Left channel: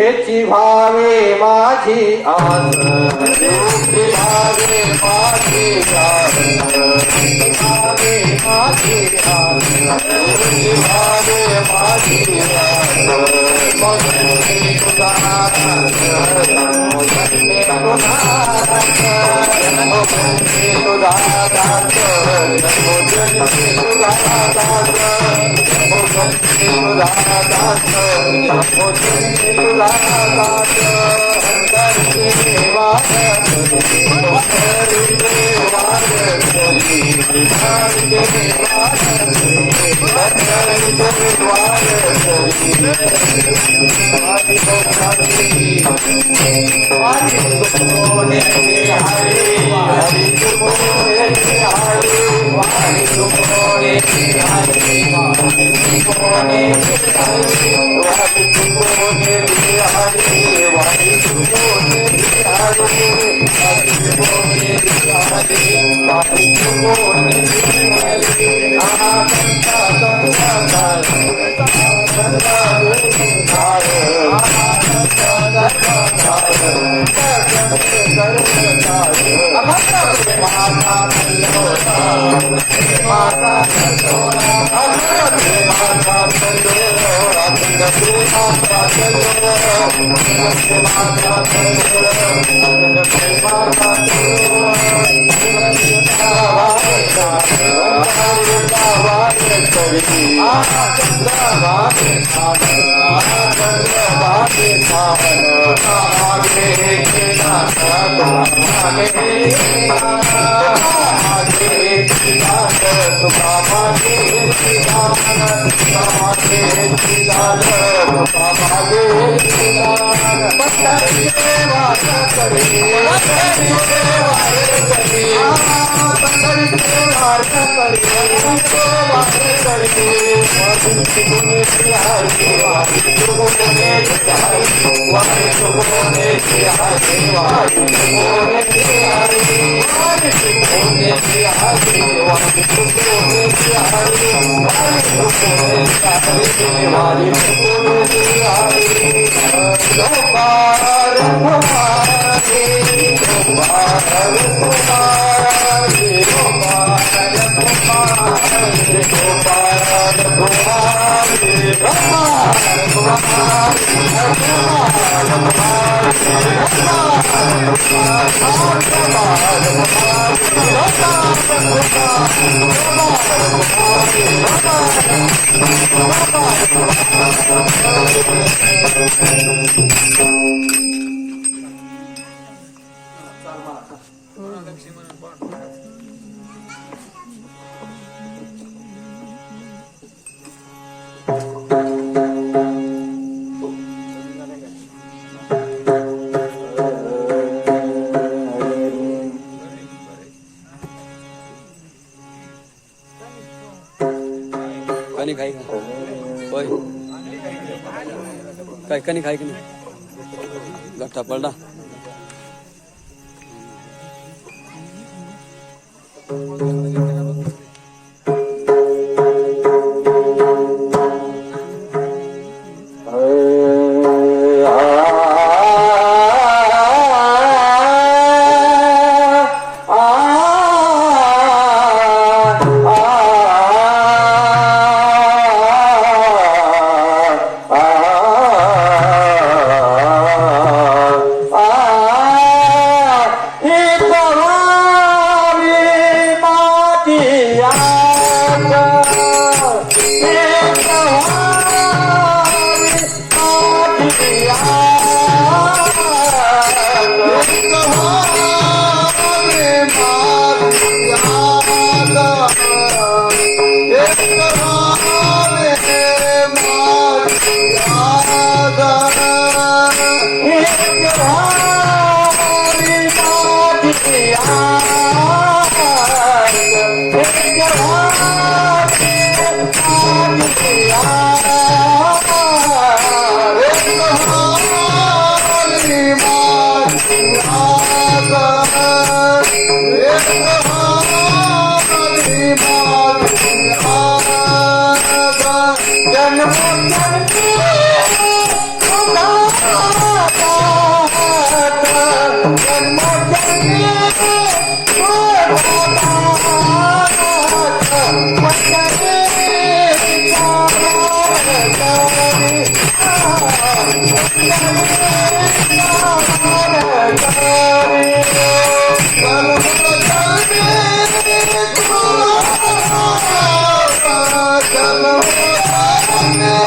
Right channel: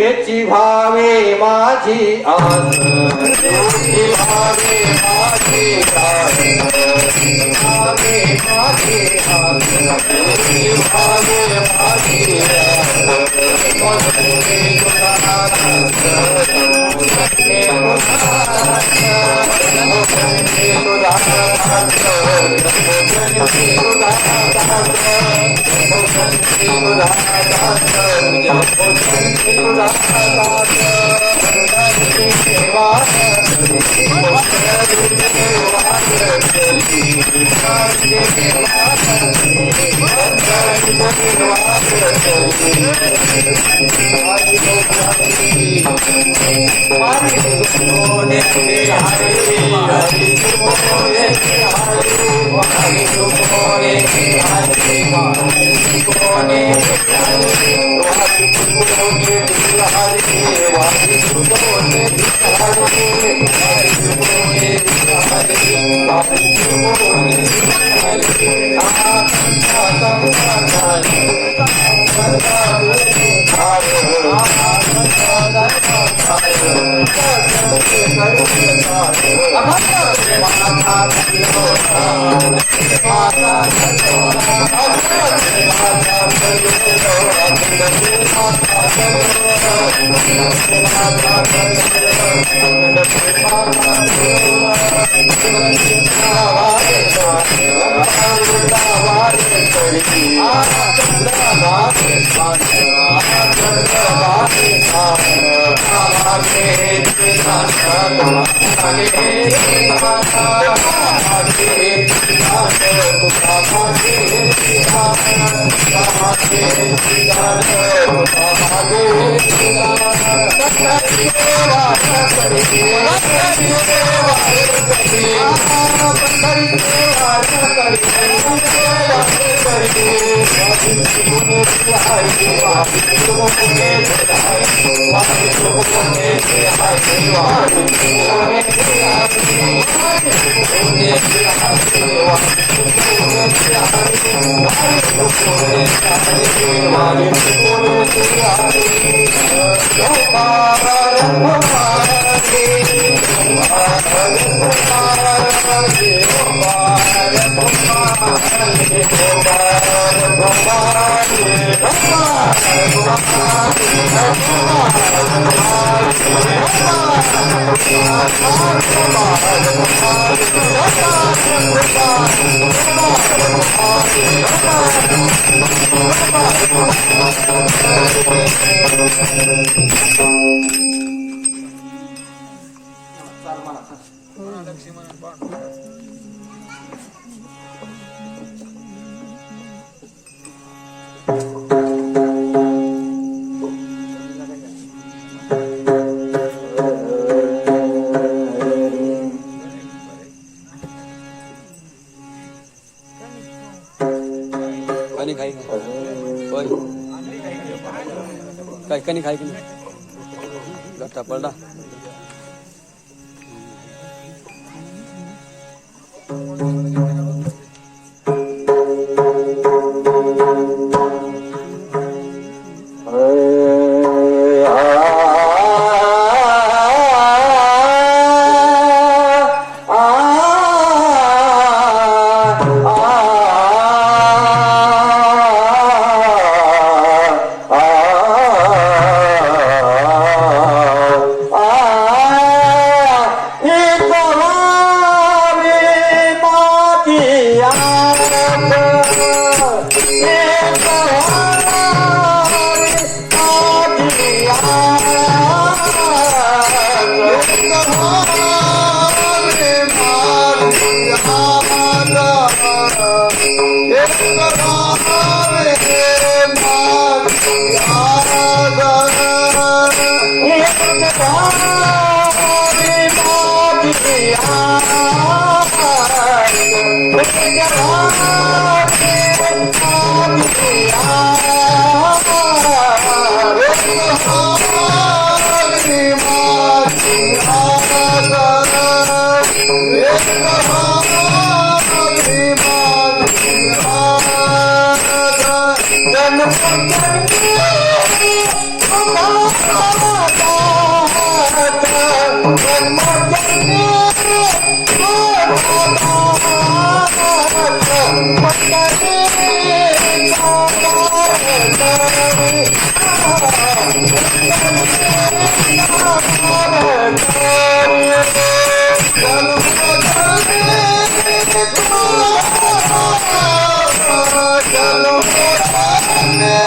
एची भावे माझी आस भावे माझी आस भावे माझी आस भावे माझी आस कणी खाई का होय काय कणी खाई की नाही गठ्ठा पडला चलो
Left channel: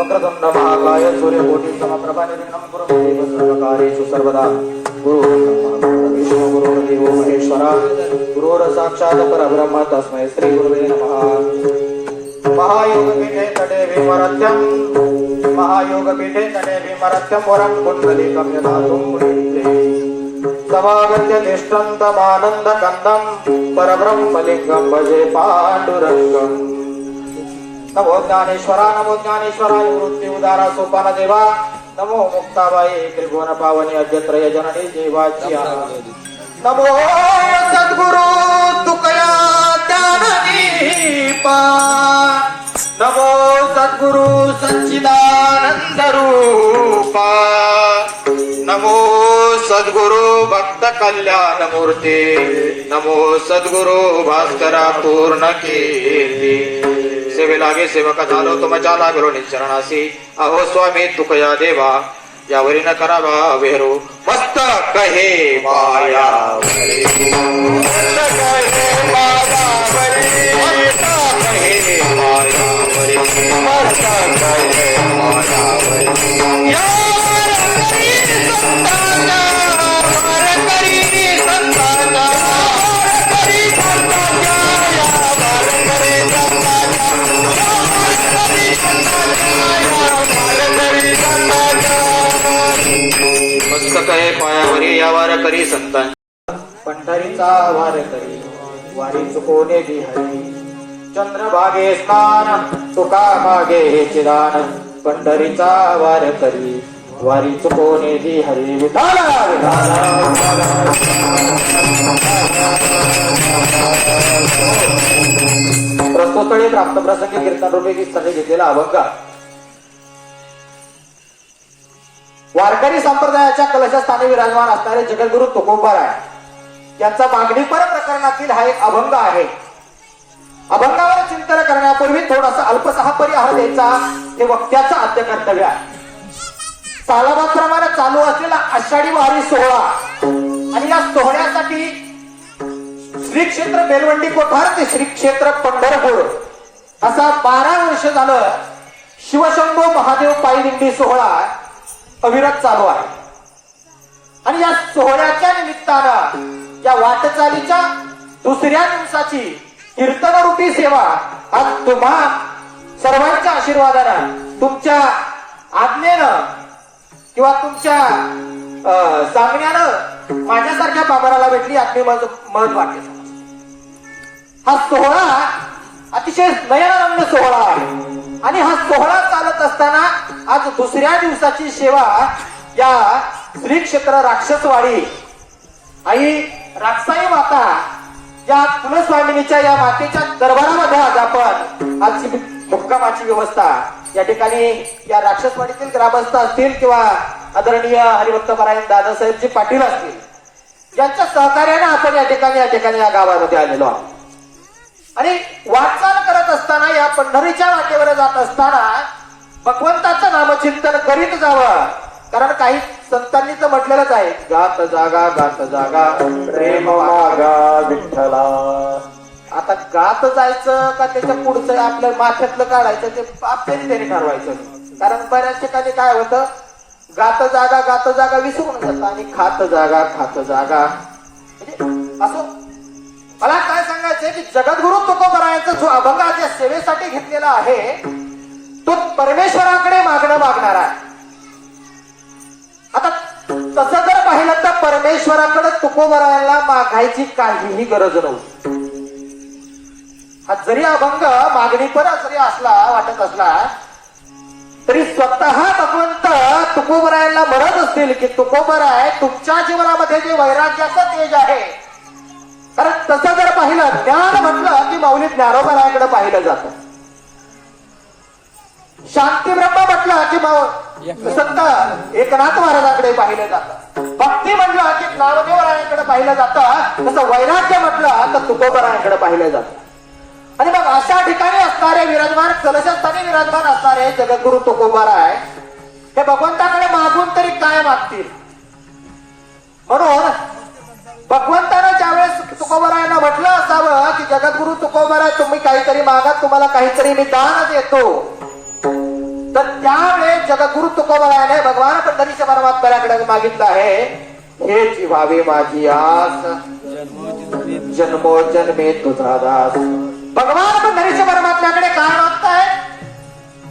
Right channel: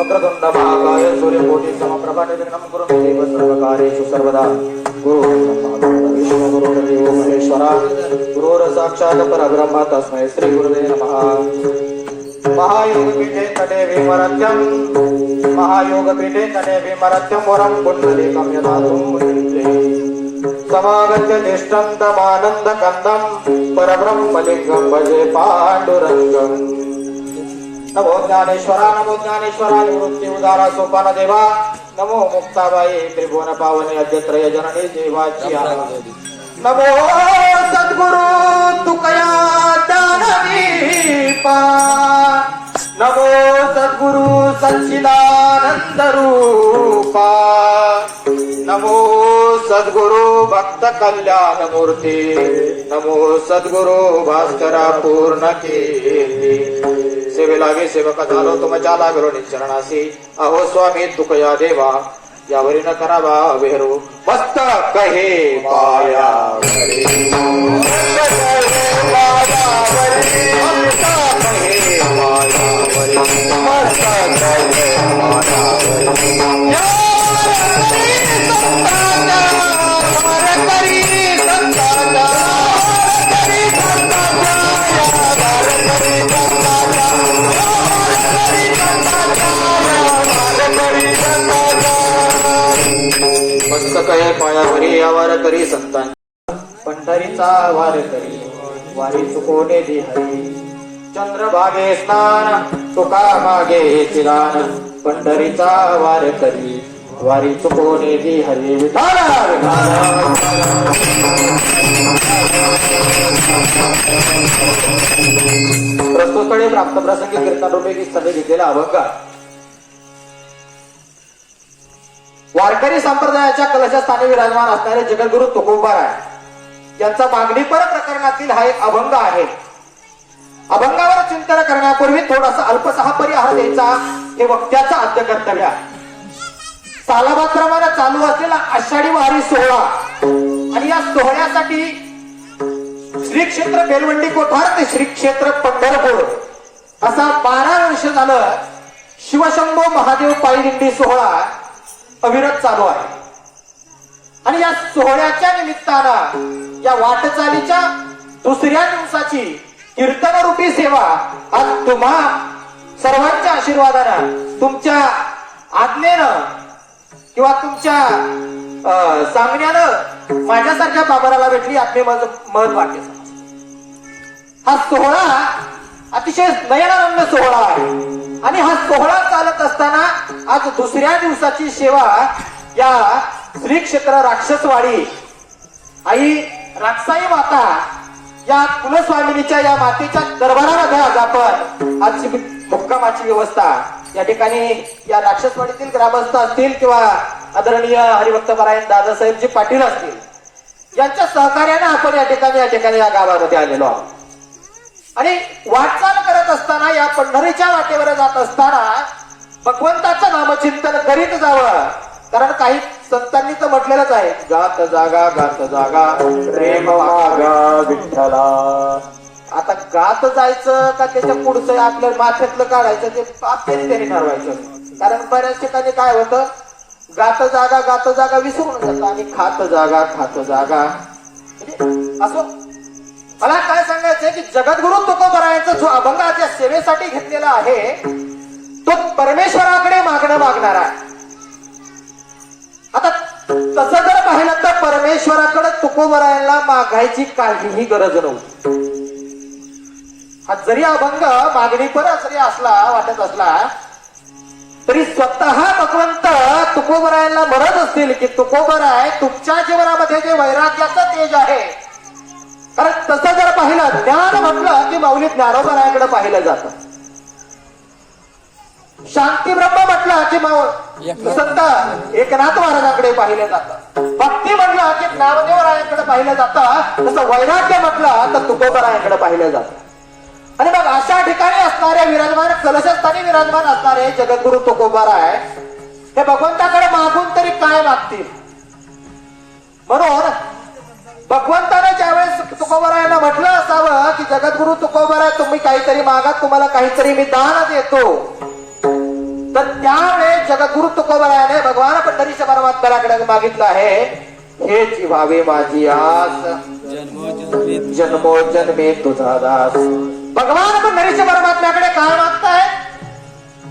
वक्रतुंड महाकाय सूर्यकोटि समप्रभा निर्विघ्नं कुरु मे देव सर्वकार्येषु सर्वदा गुरु विष्णु गुरुदेवो महेश्वरा गुरुर साक्षात् परब्रह्म तस्मै श्री गुरुवे नमः। महायोगपीठे तटे विमरत्यं वरं कुण्डलीकं यदातुं मुनिन्दे समागत्य तिष्ठन्तमानन्द कन्दं परब्रह्मलिङ्गं भजे पाण्डुरङ्गम् नमो ज्ञानेश्वरा निवृत्ति उदारा सोपान देवा नमो मुक्ताबाई त्रिभुवन पावने अद्यत्रय जननी देवाची नमो सद्गुरु तुकया ज्ञानदीपा नमो सद्गुरु सच्चिदानंद रूपा नमो सद्गुरु भक्त कल्याण मूर्ती नमो सद्गुरु भास्करा पूर्ण कीर्ती सेवे लागे सेवक झालो तुमच्या लागलो निचरणासी अहो स्वामी तुकया देवा यावरी न करावा वेहरू मस्त कहे पायावरी मस्त कहे पायावरी मस्त कहे पायावरी मस्त कहे पायावरी या करी संताचा करी संताचा कहे पायावरी यावर करी संतान पंढरीचा वार करी वारी चुकोने हरी चंद्रभागे स्नान तुका मागे चिरान पंढरीचा वार करी वारी चुकोने हरी विठाला प्रस्तुतकडे प्राप्त प्रसंगी कीर्तन रूपे गीताने घेतलेला अभंग वारकरी संप्रदायाच्या कलशस्थानी विराजमान असणारे जगद्गुरु तुकोबाराय यांचा मागणीपर प्रकरणातील हा एक अभंग आहे. अभंगावर चिंतन करण्यापूर्वी थोडासा अल्पसहा परिहार द्यायचा हे वक्त्याचं आद्य कर्तव्य आहे. सालाबादप्रमाणे चालू असलेला आषाढी वारी सोहळा आणि या सोहळ्यासाठी श्री क्षेत्र बेलवंडी कोठार ते श्री क्षेत्र पंढरपूर असा 12 वर्ष झालं शिवशंभो महादेव पायी दिंडी सोहळा अविरत चालू आहे. आणि या सोहळ्याच्या निमित्तानं या वाटचालीच्या दुसऱ्या दिवसाची कीर्तनरूपी सेवा आज तुम्हा सर्वांच्या आशीर्वादानं तुमच्या आज्ञेनं किंवा तुमच्या सांगण्यानं माझ्यासारख्या बाबाराला भेटली यातले मत वाटते. हा सोहळा अतिशय नयनानंद सोहळा आहे आणि हा सोहळा चालत असताना आज दुसऱ्या दिवसाची सेवा या श्री क्षेत्र राक्षसवाडी आई राक्षसाई माता या कुलस्वामिनीच्या या मातेच्या दरबारामध्ये आज आपण आजची मुक्कामाची व्यवस्था या ठिकाणी या राक्षसवाडीतील ग्रामस्थ असतील किंवा आदरणीय हरिभक्तपरायण दादासाहेबजी पाटील असतील यांच्या सहकार्याने आपण या ठिकाणी या गावामध्ये आलेलो आहोत. आणि वाटचाल करत असताना या पंढरीच्या वाटेवर जात असताना भगवंताचं नामचिंतन करीत जावं. कारण काही संतांनी तर म्हटलेलंच आहे गात जागा प्रेम वागा विठ्ठला. आता गात जायचं का त्याच्या पुढचं आपल्या माथ्यातलं काढायचं ते आपल्याने ठरवायचं. कारण बऱ्याच ठिकाणी काय होतं गात जागा विसरून जातं आणि खात जागा म्हणजे असं. मला काय सांगायचंय की जगद्गुरु तुकोबारायांचा जो अभंग या सेवेसाठी घेतलेला आहे तो परमेश्वराकडे मागणार आहे. आता तसं जर पाहिलं तर परमेश्वराकडे तुकोबारायांना मागायची काहीही गरज नव्हती. हा जरी अभंग मागणीपर जरी असला वाटत असला तरी स्वतः भगवंत तुकोबारायांना म्हणत असतील की तुकोबाराय तुमच्या जीवनामध्ये जे वैराग्याचं तेज आहे. कारण तसं जर पाहिलं ज्ञान म्हटलं की माऊली ज्ञानोबारायाकडे पाहिलं जातं. शांती ब्रह्म म्हटलं की संत एकनाथ महाराजांकडे पाहिलं जातं. भक्ती म्हटलं की नामदेवरायांकडे पाहिलं जातं. तसं वैराग्य म्हटलं तर तुकोबारायांकडे पाहिलं जातं. आणि मग अशा ठिकाणी असणारे विराजमान कलशस्थानी विराजमान असणारे जगद्गुरु तुकोबाराय हे भगवंताकडे मागून तरी काय मागतील. म्हणून भगवंतानं ज्यावेळेस तुकोबारायांना म्हटलं असावं की जगद्गुरु तुकोबाराय तुम्ही काहीतरी मागा तुम्हाला काहीतरी मी दान देतो. तर त्यावेळेस जगद्गुरु तुकोबारायाने भगवान पंढरीच्या परमात्म्याकडे मागितलं आहे हेच व्हावे माझी आस जन्मोजन्मे तुझा दास. भगवान पंढरीच्या परमात्म्याकडे काय मागताय.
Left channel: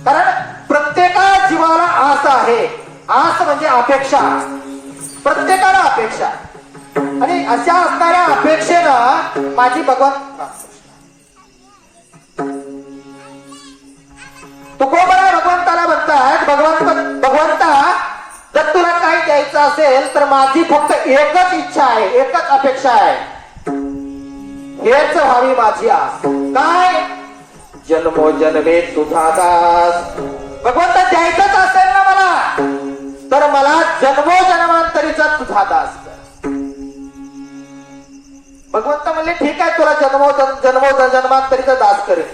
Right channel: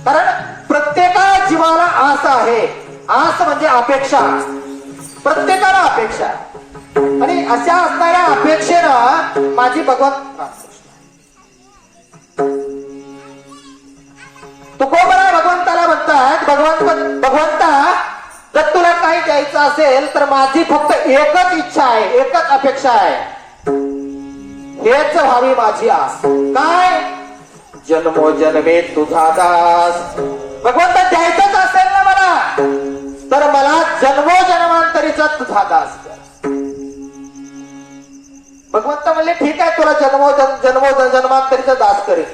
कारण प्रत्येका जीवाला आस आहे. आस म्हणजे अपेक्षा. प्रत्येकाला अपेक्षा आणि अशा असणाऱ्या अपेक्षेनं माझी भगवंत तुकोबरा भगवंताला म्हणतात, भगवंता जर तुला काही द्यायचं असेल तर माझी फक्त एकच इच्छा आहे, एकच अपेक्षा आहे, हेच व्हावी माझी आस. काय? जन्मोजन्मे तुझा दास. भगवंता द्यायचंच असेल ना मला, तर मला जन्मोजन्मांतरीचा तुझा दास कर. भगवंत म्हणले ठीक आहे, तुला जन्मोजन्मांतरीचा दास करेल,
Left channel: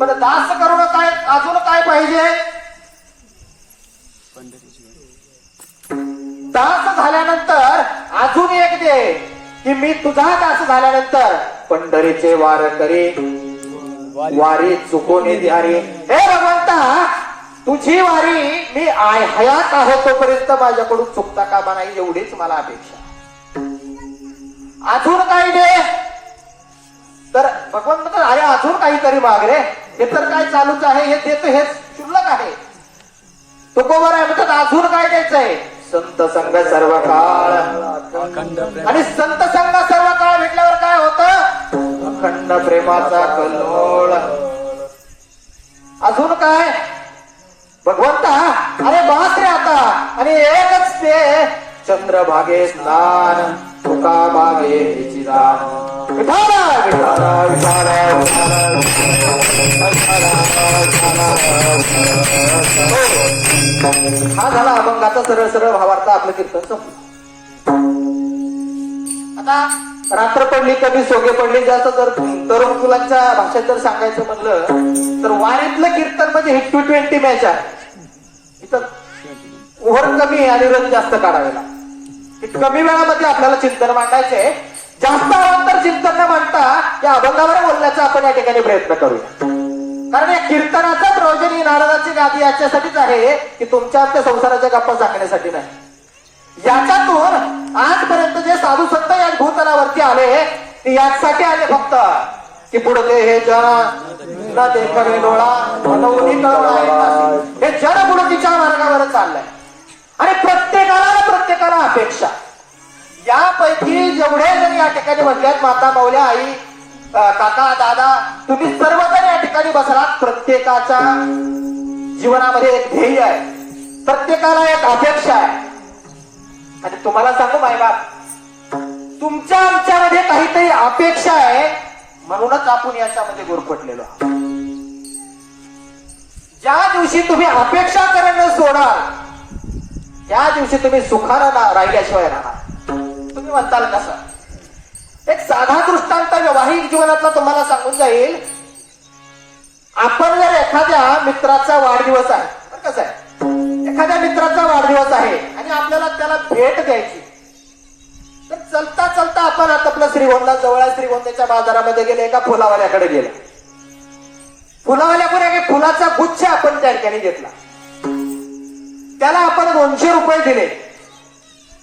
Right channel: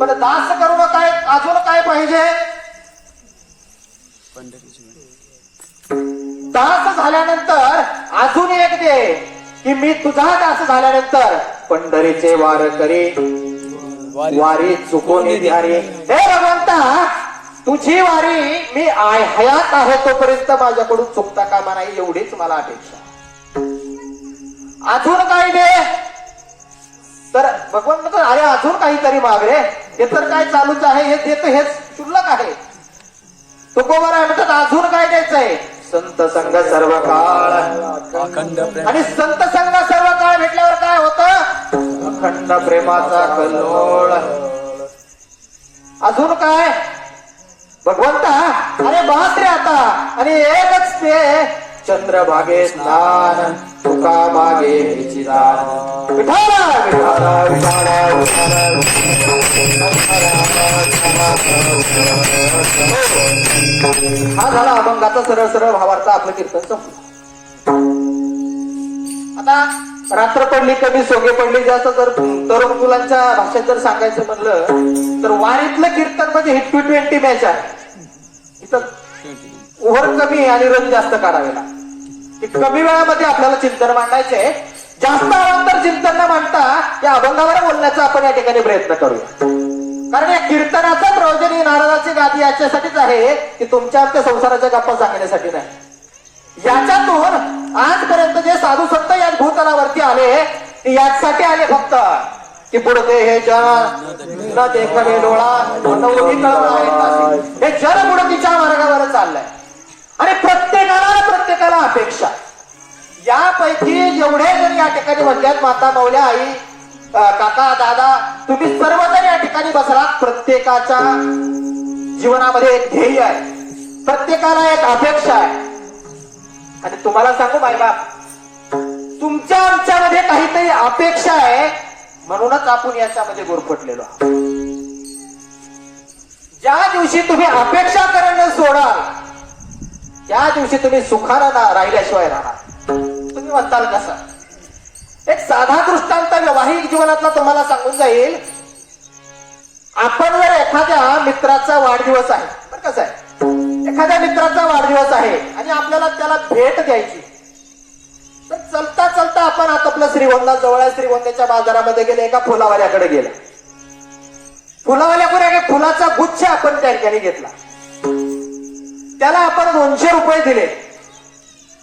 पण दास करून काय अजून काय पाहिजे? दास झाल्यानंतर अजून एक दे, की मी तुझा दास झाल्यानंतर पंढरीचे वार करी, वारी चुकून द्यारी. हे भगवंता, तुझी वारी मी हयात आहे तोपर्यंत माझ्याकडून चुकता कामा नाही, एवढीच मला अपेक्षा. अजून काही दे. तर भगवान म्हणतो अरे अजून काहीतरी माग रे, हे तर काय चालूच आहे, हे देतो हे शुल्लक आहे. तुकोबर आहे म्हणतात अजून काय द्यायचंय? संत संग सर्व काळ. आणि संत संग सर्व काळ भेटल्यावर काय होतं? अखंड प्रेमाचा कल्लोळ. अजून काय? भगवंता अरे बास रे आता, आणि एकच ते चंद्रभागे स्नान, तुका भागे विचिरान. विठाला विठाला विठाला हा झाला अभंगाचा सरळ सरळ भावार्थ आपलं कीर्तन संपलं. आता रात्र पडली कमी सोगे पडली जास्त, तर तरुण मुलांच्या भाषेत जर सांगायचं म्हणलं तर वारीतलं कीर्तन म्हणजे हिट टू 20 मॅच आहे. इथं ओव्हर कमी आणि रन जास्त काढावे लागतात. कमी वेळामध्ये आपल्याला चिंतन मांडायचे, जास्त अवांतर चिंतन न मांडता या अभंगावर बोलण्याचा आपण या ठिकाणी प्रयत्न करूया. कारण या कीर्तनाचं प्रयोजन ही नारदाची गादी याच्यासाठीच आहे की तुमच्या आमच्या संसाराच्या गप्पा सांगण्यासाठी नाही. याच्यातून आजपर्यंत जे साधू संत या भूतलावरती आले ते यासाठी आले फक्त की पुढे हे जन न देखावे डोळा, हे जन पुढतीच्या मार्गावर चाललंय. आणि प्रत्येकाला अपेक्षा. यापैकी जेवढे जण या ठिकाणी म्हणल्यात, माता माऊल्या आई काका दादा, तुम्ही सर्वजण या ठिकाणी बसलात. प्रत्येकाच्या जीवनामध्ये एक ध्येय आहे, प्रत्येकाला एक अपेक्षा आहे. आणि तुम्हाला सांगू मायबाप, तुमच्या आमच्यामध्ये काहीतरी अपेक्षा आहे म्हणूनच आपण याच्यामध्ये गुरफटलेलो आहोत. ज्या दिवशी तुम्ही अपेक्षा करणं सोडा त्या दिवशी तुम्ही सुखानं राहिल्याशिवाय राहा. तुम्ही म्हणताल कसं? एक साधा दृष्टांत व्यावहारिक जीवनातला तुम्हाला सांगून जाईल. आपण जर एखाद्या मित्राचा वाढदिवस आहे, तर कसं आहे, एखाद्या मित्राचा वाढदिवस आहे आणि आपल्याला त्याला भेट द्यायची, तर चलता चलता आपण आता आपलं श्रीगोंदा जवळ श्रीगोंद्याच्या बाजारामध्ये गेले, एका फुलावाल्याकडे गेला. फुलावाल्याकडे एका फुलाचा गुच्छ आपण त्या ठिकाणी घेतला. त्याला आपण 200 रुपये दिले.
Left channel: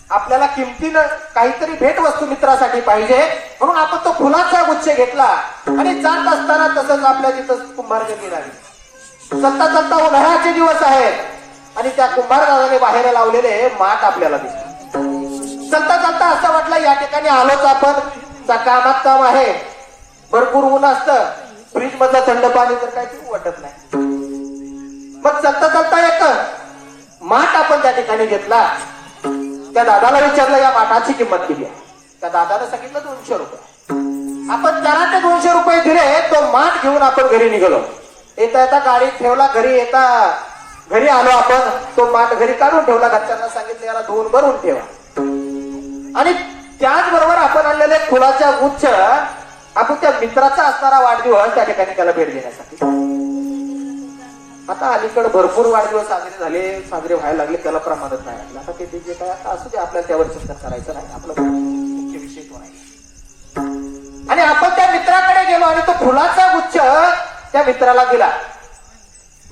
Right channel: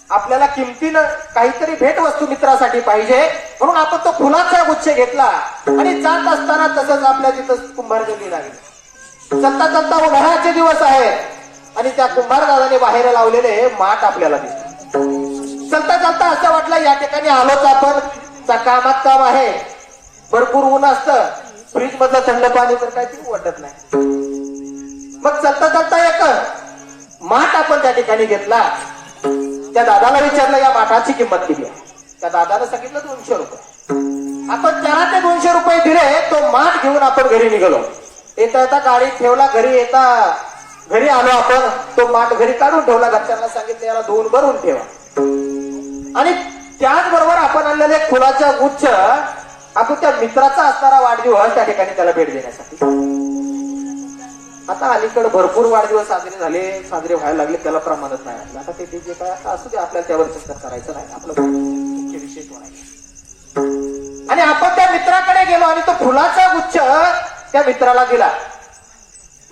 आपल्याला किमतीनं काहीतरी भेटवस्तू मित्रासाठी पाहिजे म्हणून आपण तो फुलाचा गुच्छ घेतला आणि जात असताना तसंच आपल्या तिथं कुंभारगल्ली लागली. चलता चलता उन्हाळ्याचे दिवस आहेत आणि त्या कुंभारदादाने बाहेर लावलेले माठ आपल्याला दिसले. चलता चलता असं वाटलं या ठिकाणी आलोच आपण, कामात काम आहे, भरपूर ऊन असतं, फ्रीज मधलं थंड पाणी तर काही पिऊ वाटत नाही. मग चलता चलता एक माठ आपण त्या ठिकाणी घेतला. त्या दादाला विचारलं या माठाची किंमत किती आहे. त्या दादाने सांगितलं 200 रुपये. आपण त्याला ते 200 रुपये दिले. तो माठ घेऊन आपण घरी निघालो. येता येता गाडीत ठेवला, घरी आलो आपण. तो माठ घरी काढून ठेवला, घरच्यांना सांगितलं याला धुवून भरून ठेवा. आणि त्याचबरोबर आपण आणलेले फुलाचा गुच्छ आपण त्या मित्राचा असणारा वाढदिवस त्या ठिकाणी त्याला भेट देण्यासाठी. आता अलीकडे भरपूर वाढदिवस साजरे व्हायला लागले, त्याला प्रमाणच नाही वाटलं. आता ते जे काय आता असू दे, आपल्याला त्यावर चिंता करायचं नाही, आपला मुख्य विषय तो नाही. आणि आपण त्या मित्राकडे गेलो आणि तो फुलाचा गुच्छ त्या मित्राला दिला.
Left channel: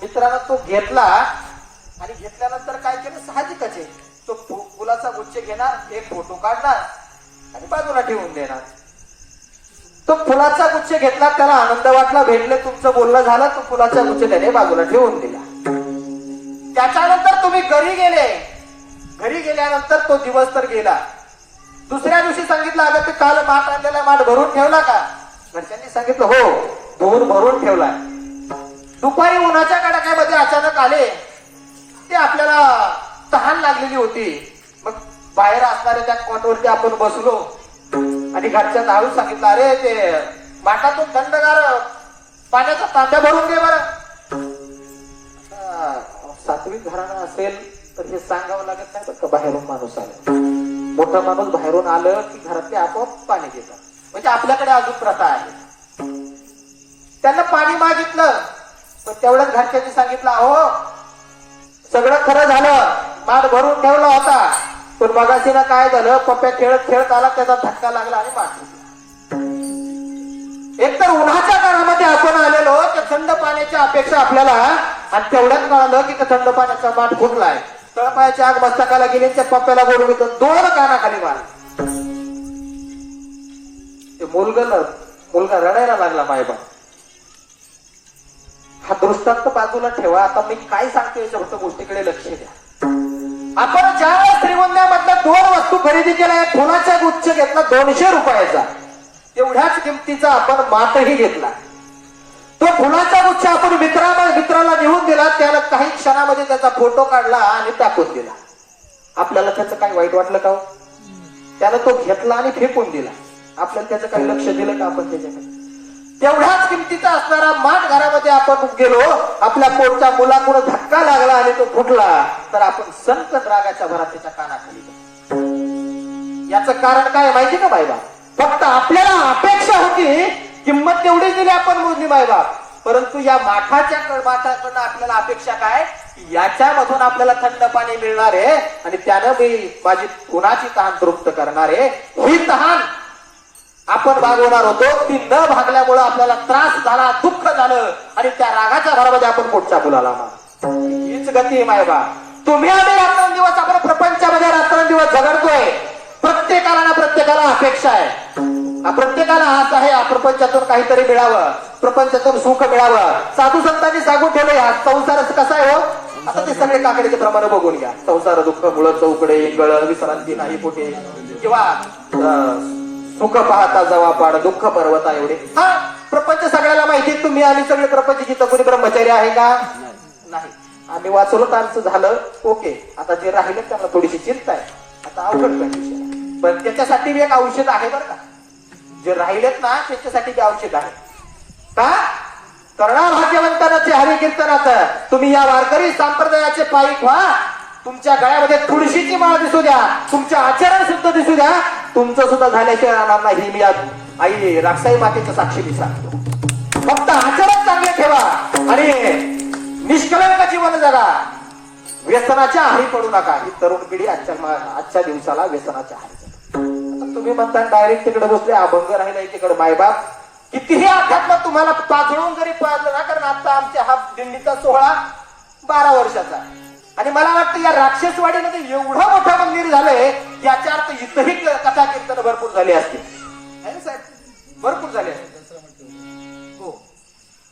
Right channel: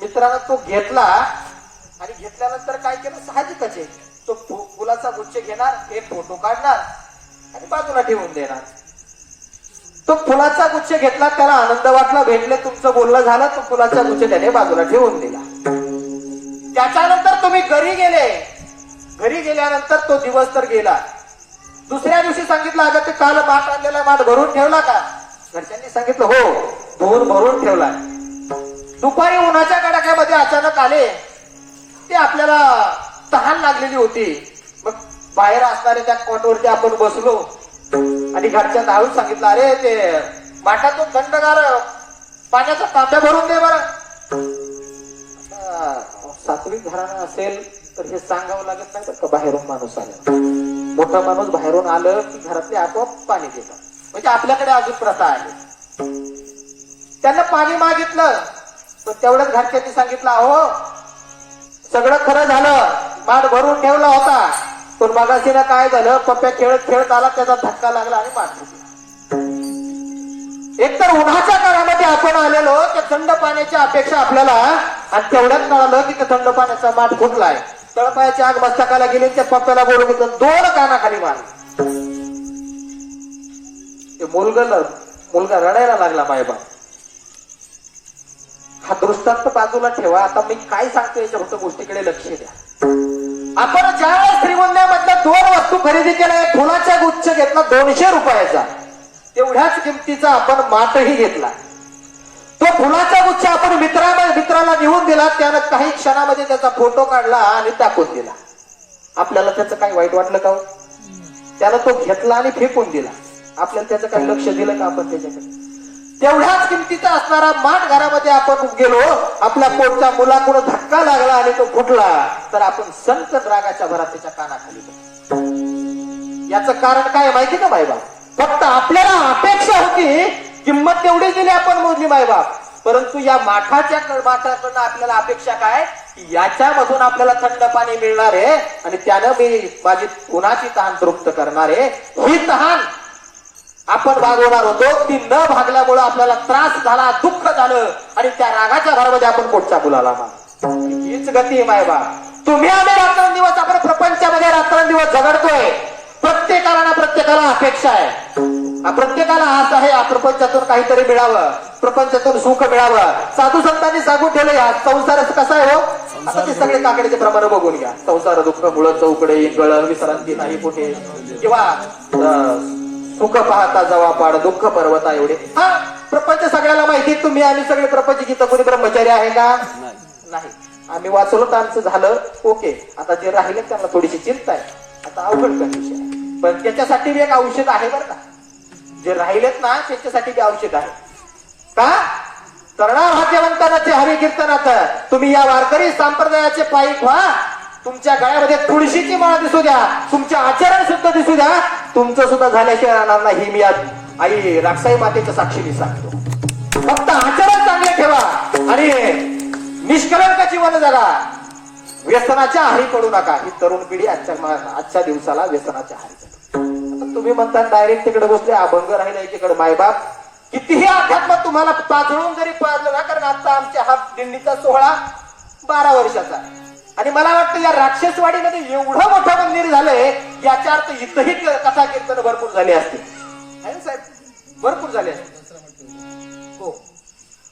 मित्रानं तो घेतला आणि घेतल्यानंतर काय केलं, साहजिकच आहे, तो फुलाचा गुच्छ घेणार, एक फोटो काढणार आणि बाजूला ठेवून देणार. तो फुलाचा गुच्छ घेतला, त्याला आनंद वाटला, भेटले, तुमचं बोलणं झालं, तो फुलाचा गुच्छ त्याने बाजूला ठेवून दिला. त्याच्यानंतर तुम्ही घरी गेले. घरी गेल्यानंतर तो दिवस तर गेला. दुसऱ्या दिवशी सांगितलं अगं ते काल माठ आणलेला माठ भरून ठेवला का? घरच्यांनी सांगितलं हो, धुवून भरून ठेवला. दुपारी उन्हाच्या कडाक्यामध्ये अचानक आले. ते आपल्याला तहान लागलेली होती. मग बाहेर असणाऱ्या त्या कोटवरती आपण बसलो आणि घरच्या धावून सांगितलं अरे ते माठातून थंडगार पाण्याचा तांब्या भरून दे बरं. सात्विक घराणं असेल तर हे सांगावं लागत नाही तर बाहेरून माणूस आला. मोठा माणूस बाहेरून आलं की घरातले आपोआप पाणी देतात. म्हणजे आपल्याकडे अजून प्रथा आहे. त्यांना पाणी मागितलं तर तेवढंच घरच्यांनी सांगितलं अहो सगळं खरं झालं, माठ भरून ठेवला होता पण मगाशीला काय झालं, पप्प्या खेळत खेळत आला त्याचा धक्का लागला आणि माठ. एकतर उन्हाच्या काळामध्ये आपण आलेलो त्या थंड पाण्याची अपेक्षा आपल्याला आणि तेवढ्यात कळालं की त्या थंड पाण्याचा माठ फुटलाय. तळपायाची आग मस्तकाला गेली त्या पप्प्याला बोलून येतं 2 कानाखाली मारले. ते मुलगा रडायला लागला. मायबा हा दृष्टांत बाजूला ठेवा. आता मी काय सांगतो याच्या फक्त गोष्टीकडे लक्ष द्या. आपण ज्यावेळेस श्रीगोंद्यामधल्या 2 वस्तू खरेदी केल्या, एक फुलाचा गुच्छ घेतला 200 रुपयाचा, तेवढ्याच किमतीचा आपण माठही घेतला. तो फुलाचा गुच्छ आपण मित्राला नेऊन दिला. त्याला काही क्षणामध्ये त्याचा फोटो काढला आणि टाकून दिला. आपल्याला त्याचं काही वाईट वाटलं का? त्याला तो घेतला आणि फेकून दिला. आपल्याला त्याचं काही लक्ष दिलं का आपण त्याच्याकडे? तेवढ्याच किमतीचा असणारा माठ घरामध्ये आपण गेलो, आपल्या पोटच्या मुलाकडून धक्का लागला आणि तो फुटला तर आपण संकट रागाच्या भरात त्याच्या कानाखाली. याचं कारण काय माहिती का बायबा? फक्त आपल्याला अपेक्षा होती, किंमत तेवढी दिली आपण मोजली मायबाप. परंतु या माठाकडनं आपल्याला अपेक्षा काय की याच्यामधून आपल्याला थंड पाणी मिळणार आहे आणि त्यानं मी माझी उन्हाची तहान तृप्त करणार आहे. ही तहान आपण भागवणार होतो, ती न भागल्यामुळे आपल्याला त्रास झाला, दुःख झालं आणि त्या रागाच्या घरामध्ये आपण पोटच्या मुलाला. हीच गती आहे मायबा. तुम्ही आम्ही रात्रंदिवस आपण प्रपंचामध्ये रात्रंदिवस झगडतोय. प्रत्येकाला अपेक्षा आहे. प्रत्येकाला आस आहे प्रपंचातून काहीतरी मिळावं, प्रपंचातून सुख मिळावं. साधू संतांनी सांगून ठेवलं या संसार कसा आहे हो. आता ते सगळे काकड्याचे प्रमाण बघून घ्या. संसार दुःख मुळ चौकडे इंगळ विश्रांती नाही कुठे, किंवा सुख पाहता जवा पाड दुःख पर्वता एवढे. हा प्रपंच सगळ्याला माहिती. तुम्ही आम्ही सगळे प्रपंच जिथं कोणी ब्रह्मचारी आहे का? नाही. आम्ही वाचलो तर आमचं झालं ओके. आता जे राहिले त्यांना थोडीशी चिंता आहे. आता अवघड कंडिशन आहे. पण त्याच्यासाठी एक औषध आहे बरं का. जे राहिलेत ना त्याच्यासाठी ते औषध आहे का? करणा भाग्यवंतानाचे हरी कीर्तनात तुम्ही या वारकरी संप्रदायाचे पायीक व्हा. तुमच्या गळ्यामध्ये तुळशीची माळ दिसू द्या, तुमचे आचरण शुद्ध दिसू द्या. तुमचं सुद्धा झाल्याशिवाय राहणार नाही. मी आई राक्षाई मातेचं साक्षी मी सांगतो. फक्त आचरण चांगले ठेवा आणि निष्कलंक जीवन जगा. व्यसनाच्या आहारी पडू नका. ही तरुण पिढी आजच्या दिवसाला व्यसनाच्या आहारी पडते. तुम्ही म्हणता डायरेक्ट तिकडे बसले, अभंग राहिले तिकडे. मायबाप कितीही अध्यात्म तुम्हाला पाजळून जरी पाजलं ना, कारण आता आमच्या हा दिंडीचा सोहळा 12 वर्षाचा आहे आणि मला वाटतं या राक्षसवाडीमध्ये एवढं मोठं मंदिर झालंय, याच्या अर्थ इथंही कथा कीर्तन भरपूर झाली असतील. आहे ना साहेब? भरपूर झाले हो.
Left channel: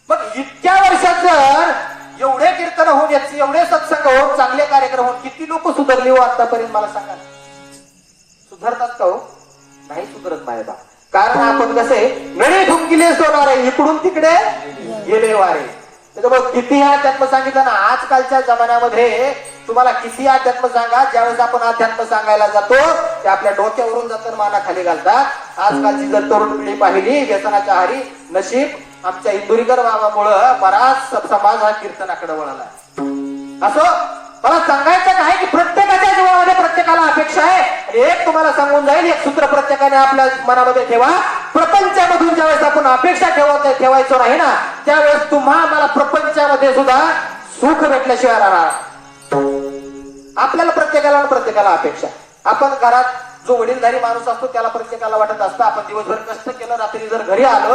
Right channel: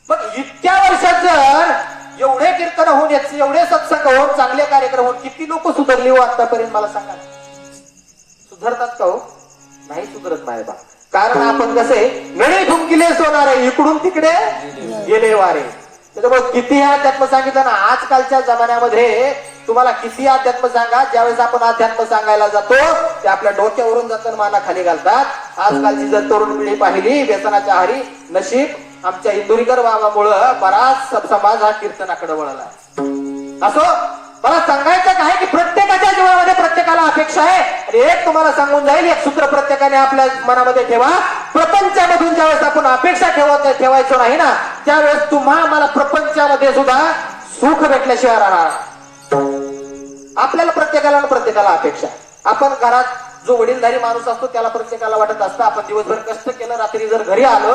मग इतक्या वर्षात जर एवढे कीर्तन होऊन, एवढे सत्संग होऊन, चांगले कार्यक्रम होऊन, किती लोक सुधारली हो आतापर्यंत मला सांगा. सुधारतात का हो? नाही सुधारत मायबा. कारण आपण कसे नळे ठुमकिले सोनारे इकडून तिकडे गेले वारे. त्याच्यामुळे किती अध्यात्म सांगितलं ना, आजकालच्या जमान्यामध्ये तुम्हाला किती अध्यात्म सांगा, ज्यावेळेस आपण अध्यात्म सांगायला जातो ते आपल्या डोक्यावरून जातं, माना खाली घालतात. आजकालची जर तरुण पिढी पाहिली व्यसनाच्या आहारी, नशीब आमच्या इंदुरीकर बाबामुळं बराच समाज हा कीर्तनाकडे वळाला. असो, मला सांगायचं काय की प्रत्येकाच्या जीवनामध्ये प्रत्येकाला अपेक्षा आहे. आणि एक तुम्हाला सांगून जाईल, एक सूत्र प्रत्येकाने आपल्या मनामध्ये ठेवा. प्रपंचामधून ज्यावेळेस आपण अपेक्षा ठेवायचो नाही ना, त्यावेळेस मला प्रपंचामध्ये सुद्धा सुख भेटल्याशिवाय राहणार. आपल्याला प्रत्येकाला अपेक्षा. आपण घरात जो वडीलधारी माणूस असतो त्याला प्रत्येकाला वाटत असतं आपण दिवसभर कष्ट केलं, रात्री जर घरी आलो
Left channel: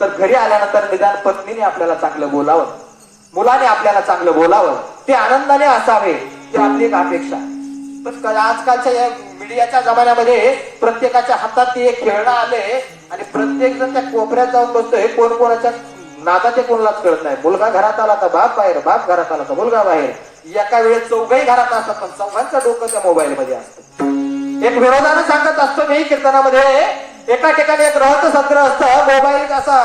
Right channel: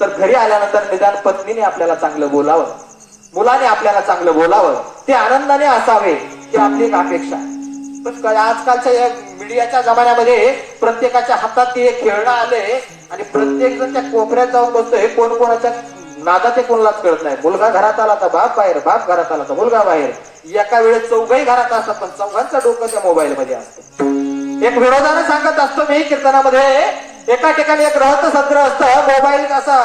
तर घरी आल्यानंतर निदान पत्नीने आपल्याला चांगलं बोलावं, मुलाने आपल्याला चांगलं बोलावं, ते आनंदाने असावे, ही आपली एक अपेक्षा. तर आजकालच्या या मीडियाच्या जमान्यामध्ये प्रत्येकाच्या हातात ते एक खेळणं आले आणि प्रत्येक जण त्या कोपऱ्यात जाऊन बसतोय. कोण कोणाच्या नादात ते कोणालाच कळत नाही. मुलगा घरात आला तर बाप बाहेर, बाप घरात आला तर मुलगा बाहेर. एका वेळेस चौघही घरात असतात पण चौघांचं डोकं त्या मोबाईल मध्ये असतं. एक विरोधानं सांगत असतो मी कीर्तनामध्ये, एका ठिकाणी एक रहत संत्र असतं, मोबाईल असा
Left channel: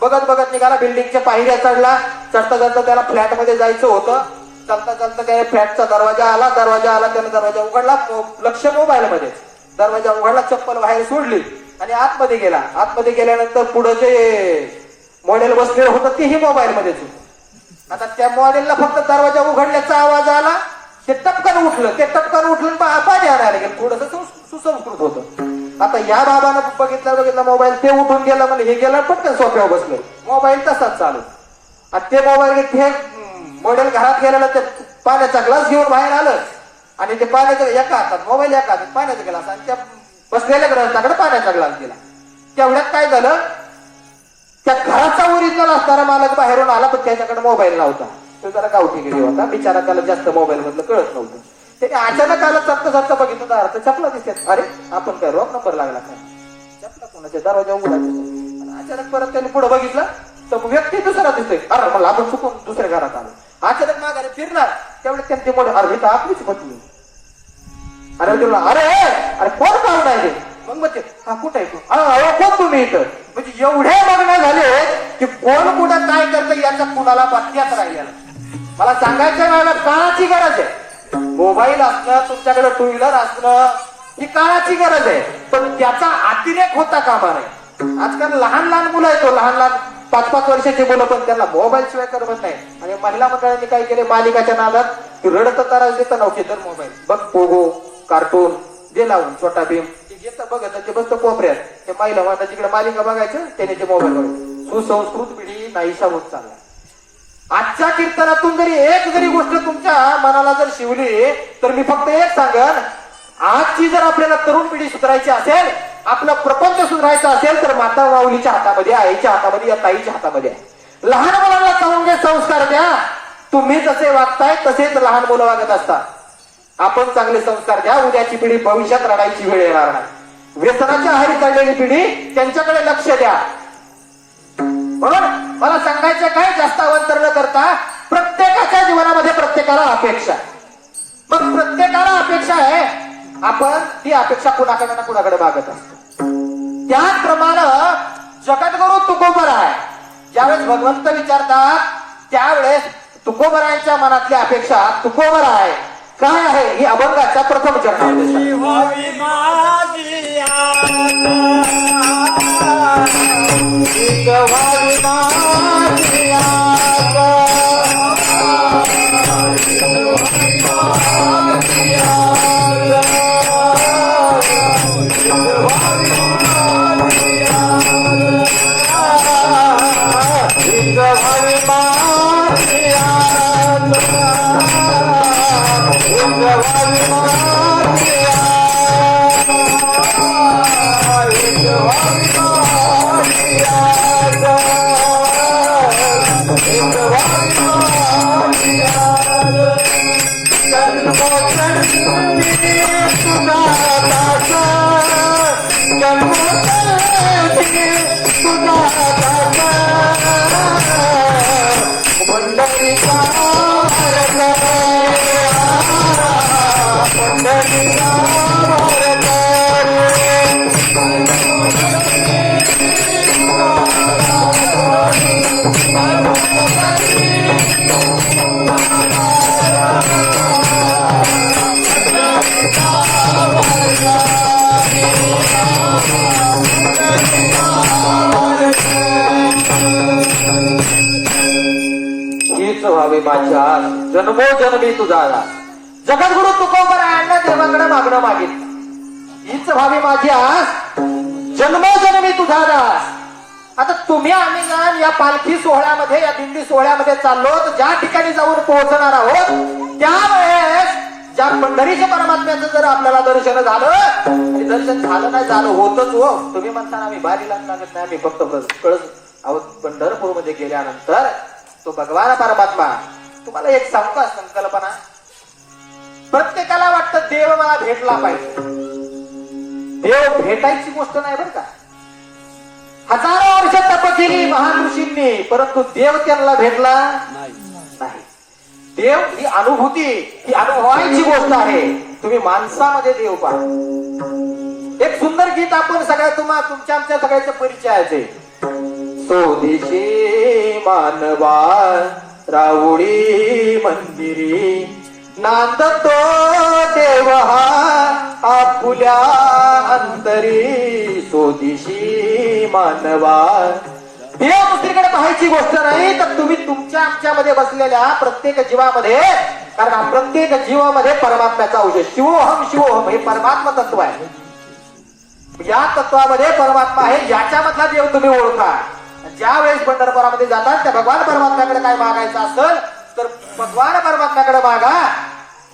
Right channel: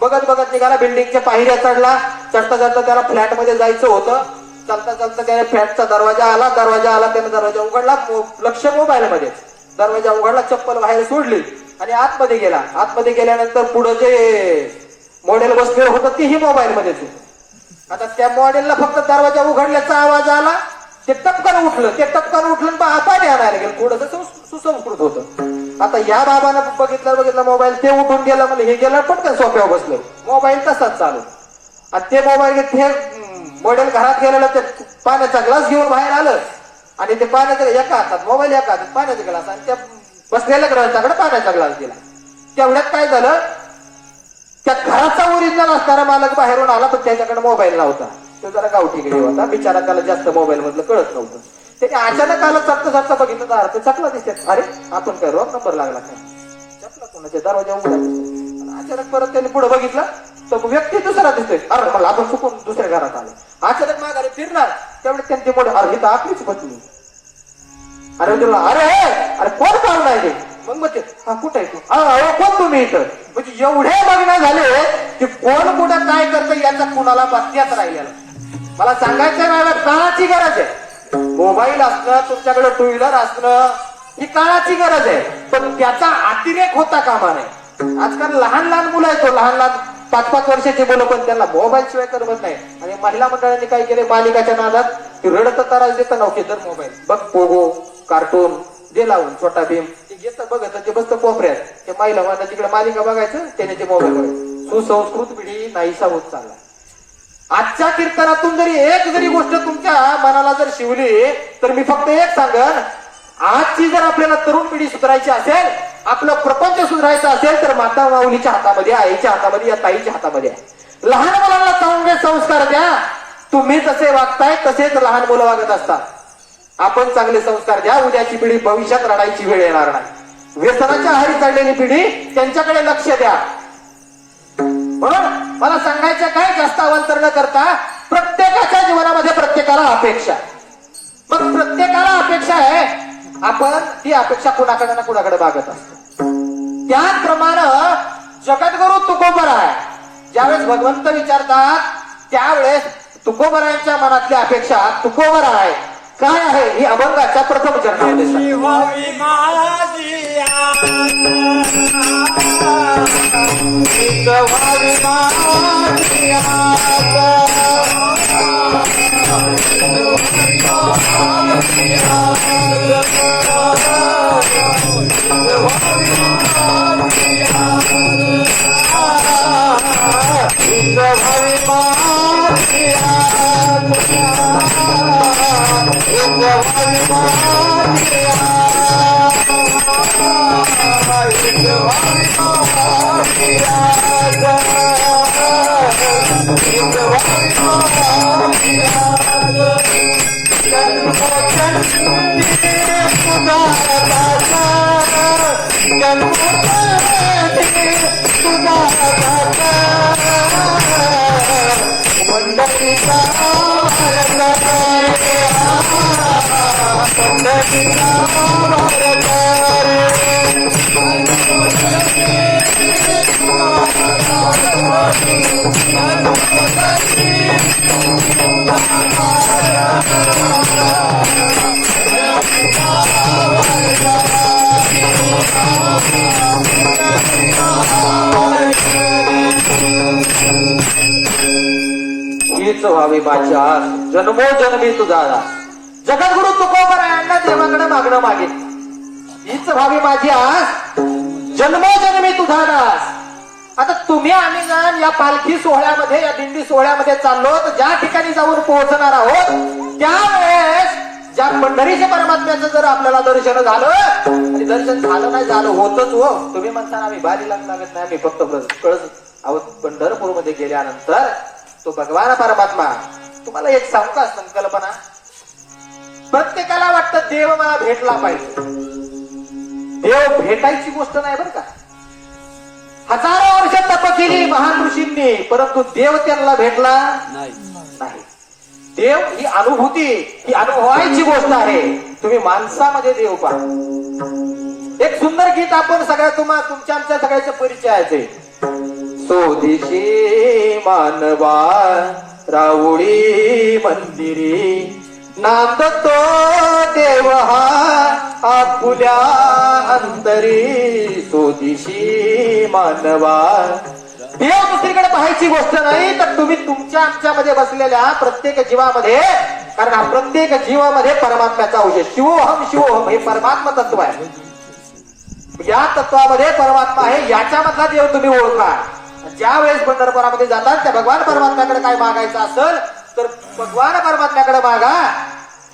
बघत बघत निघाला, बिल्डिंगच्या पायऱ्या चढला, चढता चढता त्याला फ्लॅट मध्ये जायचं होतं. चालता चालता त्याने फ्लॅटचा दरवाजा आला, त्याने दरवाजा उघडला, लक्ष मोबाईल मध्ये, दरवाजा उघडला, चप्पल बाहेर सोडली आणि आतमध्ये गेला. आतमध्ये गेल्यानंतर पुढे जे मॉडेल बसलेलं होतं तेही मोबाईल मध्येच. आता त्या मॉडेलला फक्त दरवाजा उघडल्याचा आवाज आला, ते टपकन उठलं पाणी आणायला गेलं, थोडस सुसंस्कृत होतं. आता या बाबानं बघितलं मोबाईल, ते उठून गेलं, म्हणजे हे गेलं, पटकन सोफ्यावर बसलं, मोबाईल तसाच चालू. आणि ते मोबाईल ते मॉडेल घरात गेलेलं, ते पाण्याचा ग्लास घेऊन बाहेर आलं आणि ते पाण्याचा एका हातात मोबाईल, एका हातात पाण्याचा ग्लास, आणि त्या बसलेल्या ग्रहांच्याकडे पाण्याचा ग्लास दिला. तेवढ्यात काय झालं, त्या घराचा ओरिजिनल असणारा मालक बाहेरून आला, पण त्याच्याकडे मोबाईल नव्हता. तो जरा गावठी गेली होता बिचारा, त्याला जास्त मोबाईल मधलं कळत नव्हतं. त्याने अचानक आला, चपता बघितलं तर अर्थ चपला दिसतात. अरे आपण काय रॉंग नंबर लागला काय, चपला कोणाच्या दरवाजा उघडा. अचानक परत त्याने पुढे बघितलं तर व्यक्ती दुसरा दिसतोय. अरे मला आपण चुकून दुसऱ्या घरात आलो. अचानक माघारी फिरणार, त्यावेळी त्यांनी मोठं, अरे तर आपलीच पत्नी. अरे तुला अरे कोण पाहुणा आहे ते? मग ते हा कुठे आहे तू? कोण तुम्ही इथं? म्हणजे एवढे लग्न झाले की कोण कुठं काय करतं याचा कुणाला बातम्याच राहिलेला. मला सांगायचंय मॅडम, काळाची गरज आहे. मोबाईल असणं, तुमच्याकडे टू व्हीलर असणं ही काळाची गरज आहे, पण त्याचा अतिरेक होता कामा नये. आजकाल लहान लहान मुलं आहेत, लहान 5-5 वर्षाची मुलं, पण त्यांना मोबाईल शिवाय करमत नाही. आणि महिला मंडळांनी काय केले, मालिकाच्या नादात रडत त्रास देत नव्हते तर मोबाईल बघ, पोगो, कार्टून जे लावून, छोटा भीम ते घेतं बघत, ते बसतं कोपऱ्यात, ते महिला म्हणतात तिकडे मालिका बघायचं, त्याने ते मोबाईल बघायचं. सुसंस्कृत पिढी नाहीसा होत चालला. आजच्या कीर्तनातून जरी गोष्ट तुमच्या मनाला जर शिवली तर मी फक्त एक सांगन, आजची जर आपल्याला तरुण पिढी सुधारायची असेल, आपलं प्रपंच सुधारायचं असेल, तर माता माऊलीच्या हातामध्ये, आईच्या हातामध्ये, या ताईच्या हातामध्ये आहे. लहान मुलांना चांगले संस्कार द्या. तुम्ही जसे वागताय तसेच लहान मुलं वागत असतात. आपण चांगले संस्कार द्या, उद्याची पिढी भविष्यात रडायची वेळ येणार नाही. व्यसनाच्या आहारी चढलेली पिढी, त्यांच्याकडे लक्ष द्या. म्हणून मला सांगायचं काय, जास्त अवंतर न करता, प्रत्येकाच्या जीवनामध्ये प्रत्येकाला अपेक्षा, मग प्रत्येकाला अपेक्षा आहे, आपण ती अपेक्षा कुणाकडे ना कुणाकडे मागत असतो. त्याचप्रमाणे जगद्गुरु तुकोबराय ज्यावेळेस भगवंत विचारतात, त्यावेळेस तुकोबरायांच्या मनातली अपेक्षा तुकोबराय काय आहे, ही अभंगाच्या प्रथम चरणामध्ये हीच व्हावी माझ्या जन्मोजन्मी तुझा दास. जगद्गुरु तुकोबरायांना देवाकडे मागणं मागितलं, हीच व्हावी माझी आस, जन्मोजन्मी तुझा दास. आता तुम्ही आम्ही ना या पालखी सोहळ्यामध्ये, या दिंडी सोहळ्यामध्ये चाललो, तर ज्या ठिकाणी जाऊन पोहोचणार आहोत, त्यावेळेस ज्या पंढरीच्या परमात्म्याचं जर आपल्याला दर्शन झालं, आणि दर्शन झालं नाही, झालं होतच हो. तुम्ही म्हणता आम्ही भारी लागत नाही, आम्ही फक्त कळत आहोत. पंढरपूरमध्ये गेल्यानंतर तो भगवान परमात्मा, तुम्हाला एक सांगू का संकल्पना, प्रत्येकाला वाटतं देव मला भेटला पाहिजे. देव भेटायची गोष्ट नाही बरं का. हजारो वर्ष तप केली महान ऋषींनी, परंतु देव त्यांना भेटला नाही. देव ही अनुभूती, ही अनुभवायची गोष्ट आहे. तुम्ही माणसामध्ये देव पहा. एक सुंदर गीत आपण सगळ्या तुमच्या आमच्या सगळ्याचा परिचयाचे. स्वदेशी मानवा राऊळी मंदिरी नांदतो देव हा आपुल्या अंतरी. स्वदेशी मानवा. देव दुसरीकडे पाहायची गोष्ट नाही, तर तुम्ही तुमच्या आमच्यामध्ये बसलेल्या प्रत्येक जीवामध्ये, कारण हा प्रत्येक जीवामध्ये परमात्म्याचा अंश. शिवोहम शिवोहम हे परमात्मा तत्व आहे. या तत्वामध्ये परमात्मा आहे, याच्यामधला देव तुम्ही ओळखा. ज्या वेळेस पंढरपुरामध्ये जातात त्या भगवान परमात्म्याकडे काय मागायचं असेल तर भगवान परमात्म्याकडे मागा.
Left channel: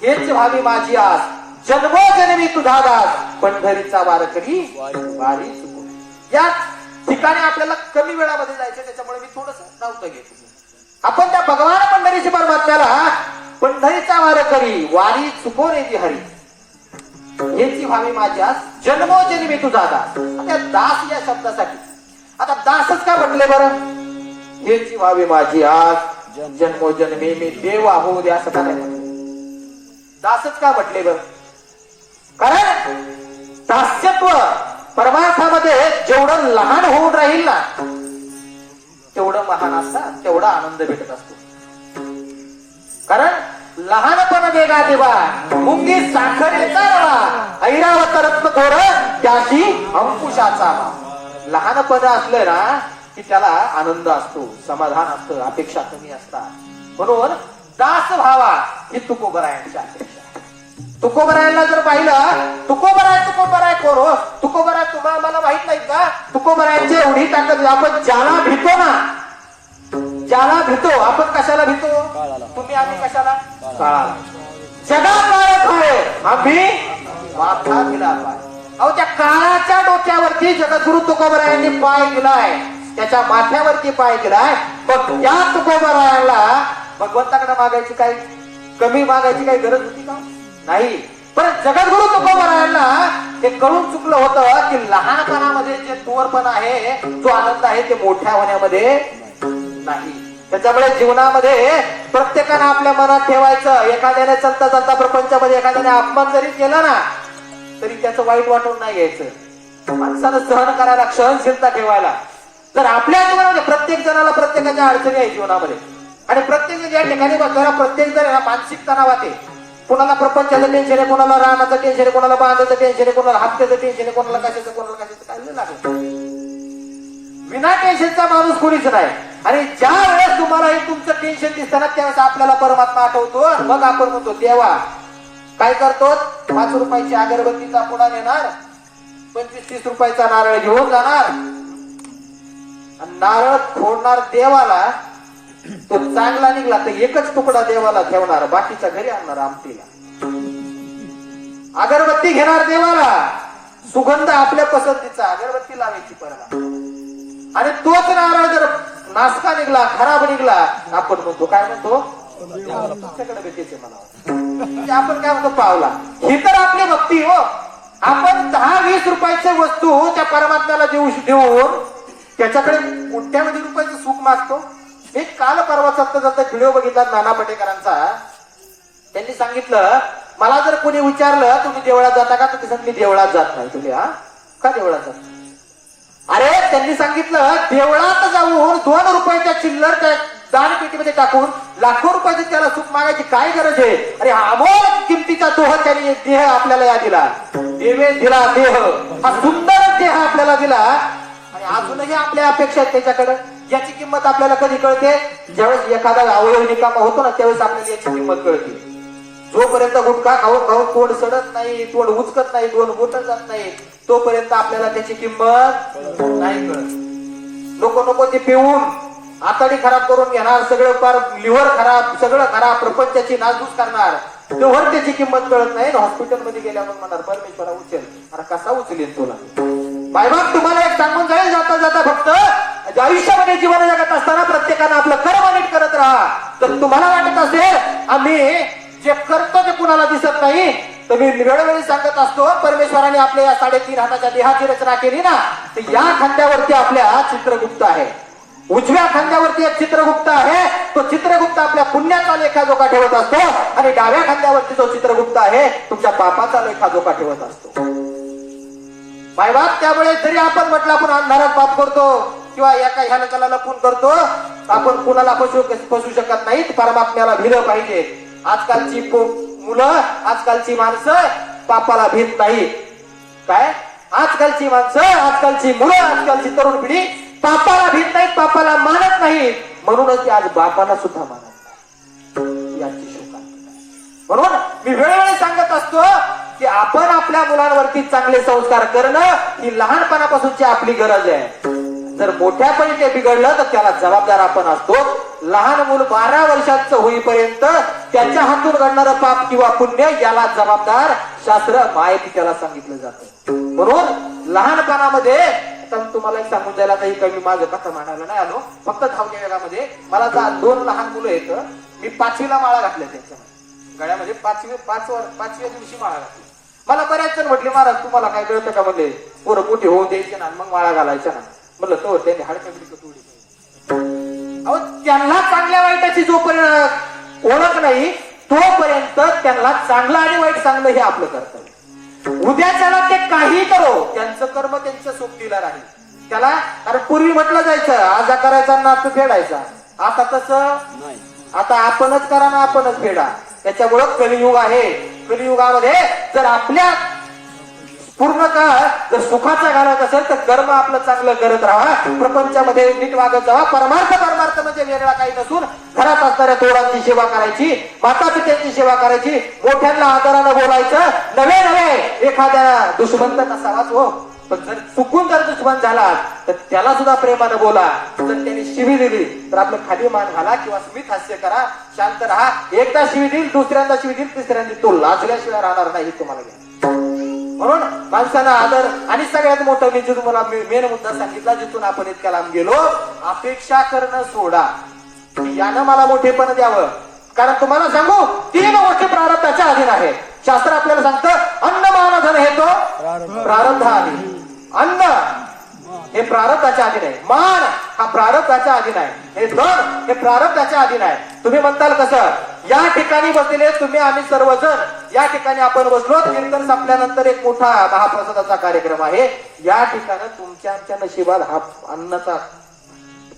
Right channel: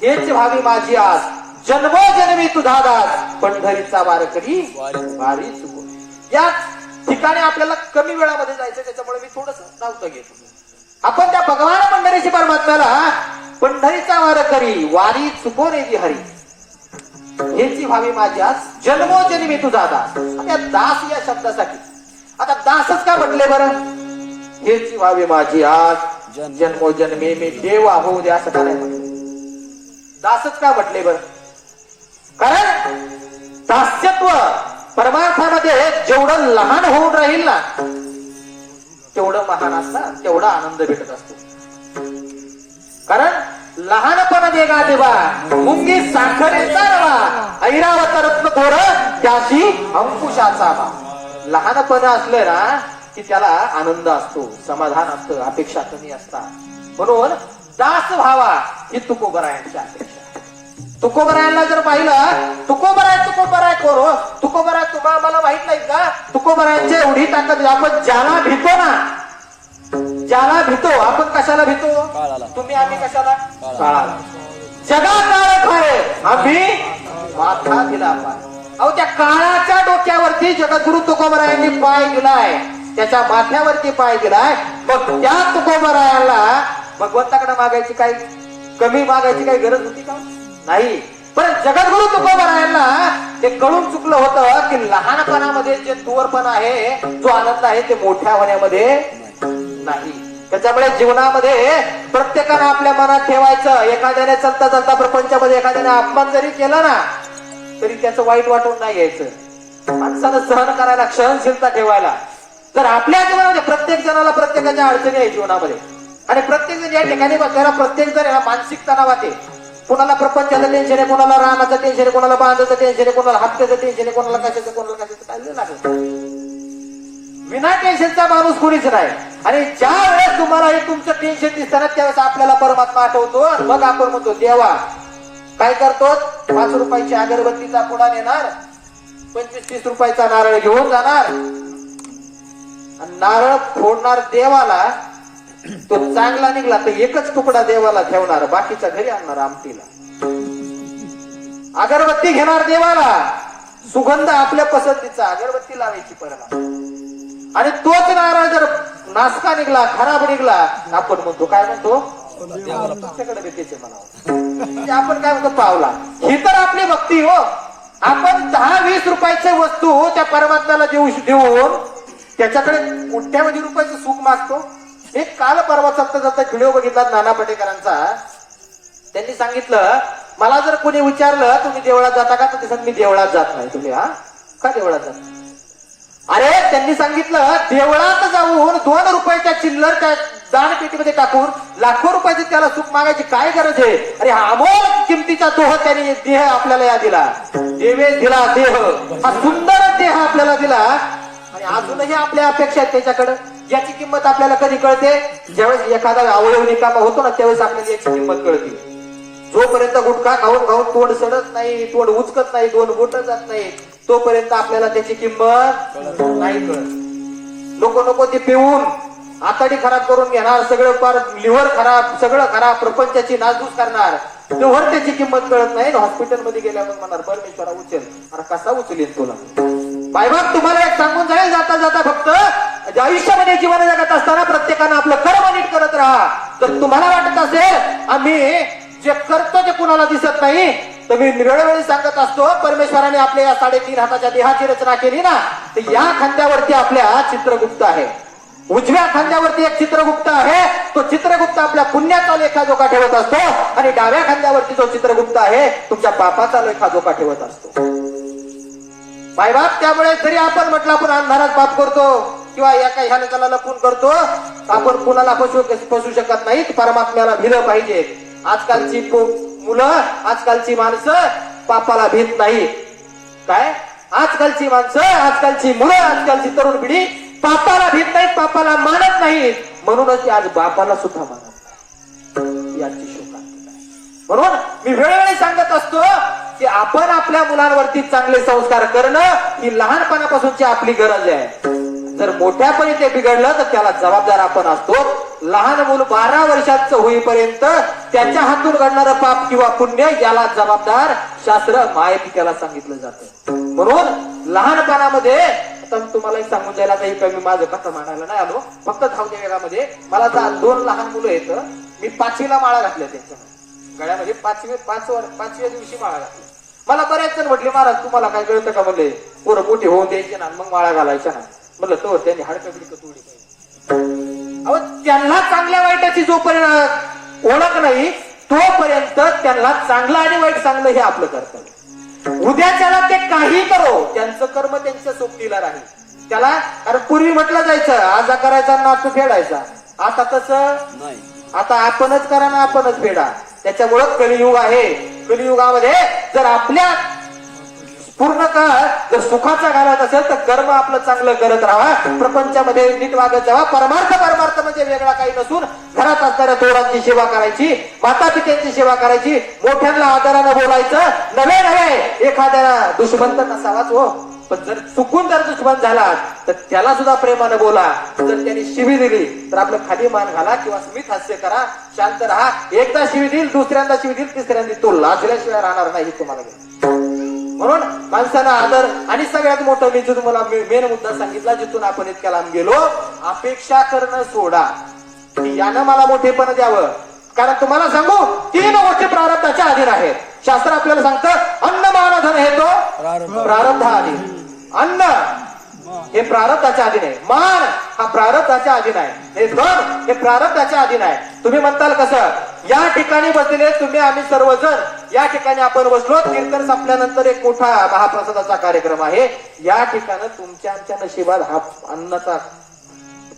हेच व्हावी माझी आस, जन्मोजन्मी तुझा दास, पंढरीचा वारकरी वारी चुको. या ठिकाणी आपल्याला कमी वेळामध्ये जायचं, त्याच्यामुळे मी थोडस नव्हतं घेत. आपण त्या भगवान पंढरीशी परमात्म्याला पंढरीचा वारकरी वारी चुको रे ती हरी, हेची व्हावी माझी आस, जन्मोजन्मी तुझा दास. त्या दास या शब्दासाठी आता दासच का म्हटले बरं? हेची व्हावी माझी आस, जन्मोजन्मी मी देव होऊ दे असं का नाही म्हटलं? दासच का म्हटले बरं? कारण दास्यत्व परमार्थामध्ये जेवढं लहान होऊन राहील ना तेवढं महान असतात, तेवढा आनंद भेटत असतो. कारण लहानपण देगा देवा मुंगी साखरेचा रवा, ऐरावत रत्न थोर त्याशी अंकुशाचा. लहानपण असलं ना की त्याला आनंद असतो, समाधान असतं, अपेक्षा कमी असतात. म्हणून दास व्हावा ही तुकोबरायांची अपेक्षा. तुकोबरायांना जर पाहिलं, तुकोबरायांचं कोण बराय कोण हो? तुकोबराय तुम्हाला मला माहित नाही का? तुकोबरायांची एवढी ताकद. आपण ज्याला भीतो ना, ज्याला भीतो, आपण कशाला भीतो? तुम्ही आम्ही कशाला? काळाला. जगात काळ आहे, आम्ही माथा दिला पाय. अहो त्या काळाच्या डोक्यावरती जगद्गुरु तुकोबरायांनी पाय दिलाय, त्याच्या माथ्यावरती पाय दिलाय. मग त्या तुकोबरायाला भगवंताकडे मागायची काही, कमी मागायची काही गरज होती का? नाही. पण जगद्गुरु तुकोबरायांना ते कळून चुकलं होतं की लहानपणामध्ये जे तोरपण आहे, जो आनंद आहे ते मोठ्या होण्यामध्ये नाही. त्याच्यामुळे जीवनामध्ये प्रत्येकानं आपल्या मनात ठेवायचं, एखाद्याने चलता चलता प्रपंचामध्ये एखाद्याने अपमान जरी केला ना तरी त्याचं वाईट वाटून नाही घ्यायचं. माणसानं सहन करायला, सहनशीलता ठेवायला. तर आपल्या जीवनामध्ये प्रत्येक जणाला प्रत्येकाच्या अडचणी आहे जीवनामध्ये, आणि प्रत्येक जण या ठिकाणी बघताना प्रत्येक जण ह्या मानसिक तणावात आहे. कोणाला प्रपंचाचं टेन्शन आहे, कोणाला रामाचं टेन्शन आहे, कोणाला बांधाचं टेन्शन आहे, कोणाला हप्त्याचं टेन्शन आहे, कोणाला कशाचं काय लागलं. विना टेन्शनचा माणूस कोणीच नाही. आणि ज्या वेळेस तुम्हाला हे तुमचं टेन्शन दिसताना त्यावेळेस आपल्याला परमात्मा आठवतो. मग आपण म्हणतो देवा काय करतो, 5 रुपयाची अगरबत्तीचा पुडा नेणार, 25-30 रुपयाचा नारळ घेऊन जाणार आणि नारळ फोडणार देवाला. तो चांगला निघला तर एकच तुकडा देवाला ठेवणार, बाकीचा घरी आणणार आमटीला. अगरबत्ती घेणार देवाला, सुगंध आपल्या पसंतीचा, अगरबत्ती लावायची परत. आणि तोच नारळ जर नासका निघला, खराब निघला, आपण म्हणतो काय म्हणतो, तुमच्याकडे भेटायचे मला. आपण काय म्हणतो, पावला. ही तर आपली भक्ती हो. आपण 10-20 रुपयाच्या वस्तू त्या परमात्म्याला देऊन त्याच्याकडे कोट्यावधी रुपयाचं सुख मागतो. एक काल परवा जाता व्हिडिओ बघितला नाना पटेकरांचा. त्यांनी सांगितलं, मला जर कोणी विचारलं तुम्ही देवळात जाता का, तर मी देवळात जात नाही. तुम्ही का देवळात जात? अरे त्यांनी सांगितलं देवळात जाऊन 2 रुपयाच्या चिल्लर त्या दानपेटीमध्ये टाकून लाखो रुपयाची त्याला सुख मागायची काय गरज आहे? अरे हा अमोल किमतीचा दोह त्यांनी देह आपल्याला या दिला, देवे दिला देह, हा सुंदर देह आपल्याला दिला. आणि अजूनही आपल्या अपेक्षा आहेत त्याच्याकडे. याची किंमत आपल्याला कधी कळते, ज्यावेळेस एखादा अवयव निकामा होतो ना त्यावेळेस आपल्याला याची किंमत कळते. जोपर्यंत गुटखा खाऊन खाऊन तोंड सडत नाही, तोंड उचकत नाही, 2 बोट जात नाही, तोपर्यंत आपल्याला त्याची किंमत नाही कळत. नको ते पिऊन आतडी खराब करून घेणार, सगळं पार लिव्हर खराब, सगळं खराब, प्रपंचाची नासधूस करणार, तेव्हा त्याची किंमत कळत नाही. हॉस्पिटलमध्ये गेल्यावर म्हणणार परमेश्वरा उचल. अरे कसा उचलेल तुला? बायबाप तुम्हाला एक सांगून जाईल जाता जाता, फक्त आयुष्यामध्ये जीवन जगत असताना प्रत्येकानं आपलं कर्म नीट करत राहा. तर तुम्हाला वाटत असेल आम्ही जे करतो ते कुणाला दिसत नाही, तर मी वेळोवेळी सांगत असतो, परमेश्वराने आपल्या या 3.5 हाताच्या देहाची रचना केली ना, तर या खांद्यावरती आपल्या चित्रगुप्त आहे. उजव्या खांद्यावरती एक चित्रगुप्त आहे, तो चित्रगुप्त आपल्या पुण्याचा लेखाजोखा ठेवत असतो आणि डाव्या खांद्यावरती जो चित्रगुप्त आहे तुमच्या पापाचा लेखाजोखा ठेवत असतो. साईबाब, त्यामुळे जरी आपण म्हटलं आपण अंधारात पाप करतो किंवा एका ह्या लोकांना लपून करतो, आपण कुणाला फसवू शकत नाही. परमात्म्याला भिलं पाहिजे. आजकालची मुलं, आजकालची माणसं पापाला भीत नाही. काय आजकालची माणसं, आजकालची मुलं, आजकालची तरुण पिढी पापाला भीत नाहीत, पापाला मानत नाहीत. म्हणूनच ते आज बापाला सुद्धा मानत नाही. याची शोका. म्हणून मी वेळोवेळी सांगत असतो की आपण आपल्या मुलांवरती चांगले संस्कार करणं ही लहानपणापासूनची आपली गरज आहे. जर मोठ्यापणी ते बिघडलं तर त्याला जबाबदार आपण असतो. लहान मूल 12 वर्षाचं होईपर्यंत त्याच्या हातून घडणारं पाप किंवा पुण्य याला जबाबदार शास्त्र माहिती त्याला सांगितलं जातं. म्हणून लहानपणामध्ये तुम्हाला एक सांगून द्यायला काही कमी माझं कथा म्हणायला नाही आलो. फक्त धावत्या वेगामध्ये मला 2 लहान मुलं आहेत. मी 5वीला माळा घातल्या त्यांच्या गळ्यामध्ये. 5व्या दिवशी माळा घातली. मला बऱ्याच जण म्हटले, महाराज तुम्हाला काय कळतं का? म्हणले पोरं मोठे होऊन द्यायचे ना मग माळा घालायच्या ना. म्हणलं तो त्यांनी हाडकबडी तोडी. अहो, त्यांना चांगल्या वाईटाची जोपर्यंत ओळख नाही तोपर्यंत त्यांना चांगलं आणि वाईट सांगणं हे आपलं कर्तव्य. उद्याच्याला ते काही करो, त्यांचं कर्म त्यांच्या सोबतीला राहील. त्याला कारण पूर्वी म्हटलं जायचं आजा करायचा नातू फेडायचा. आता तसं नाही. आता आपणच करा ना आपणच फेडा. त्याच्यामुळं कलियुग आहे. कलियुगामध्ये जर आपल्या पूर्ण काळ जर सुखाचा घालत असेल तर कर्म आपलं चांगलं करत राहा. प्रपंचामध्ये नीट वागत जावा. परमार्थ म्हणजे वेगळा काही नसून घरात असणाऱ्या थोरांची सेवा करायची, माता पित्यांची सेवा करायची, मोठ्यांना आदरानं बोलायचं. नवे एखाद्या दुश्मन तर नसावाच हो, पण जर चुकून जर दुश्मन झाला तर त्याला सुद्धा प्रेमानं बोला. जर त्यांनी शिवी दिली तर आपलं खाली मान घाला किंवा स्मित हास्य करा, शांत राहा. एकदा शिवी देईल, दुसऱ्यांदा शिवी देईल, तिसऱ्यांदा तो लाजल्याशिवाय राहणार नाही तुम्हाला. म्हणून माणसाला आदर. आणि सगळ्यात मोठं मी जे तुम्हाला मेन मुद्दा सांगितला जिथून आपण इतक्या लांब गेलो, अपेक्षा करणं सोडा की यानं मला मोठेपण द्यावं. कारण तुम्हाला सांगू 3 गोष्टी प्रारब्धाच्या अधीन आहेत. शास्त्र आपल्याला सांगतं अन्न मान धन हे तो प्रारब्धाधीन. अन्न हे प्रारब्धाच्या अधीन आहे. मान हा प्रारब्धाच्या अधीन आहे. हे धन हे प्रारब्धाच्या अधीन आहे. तुम्ही म्हणताल कसं? या ठिकाणी बसलेले तुम्ही आम्ही सर्वजण या ठिकाणी आपण बसलो. कीर्तन संपल्यानंतर एक मोठा महाप्रसादाचा कार्यक्रम आहे. या ठिकाणी तुमच्या नशिबात हा अन्नाचा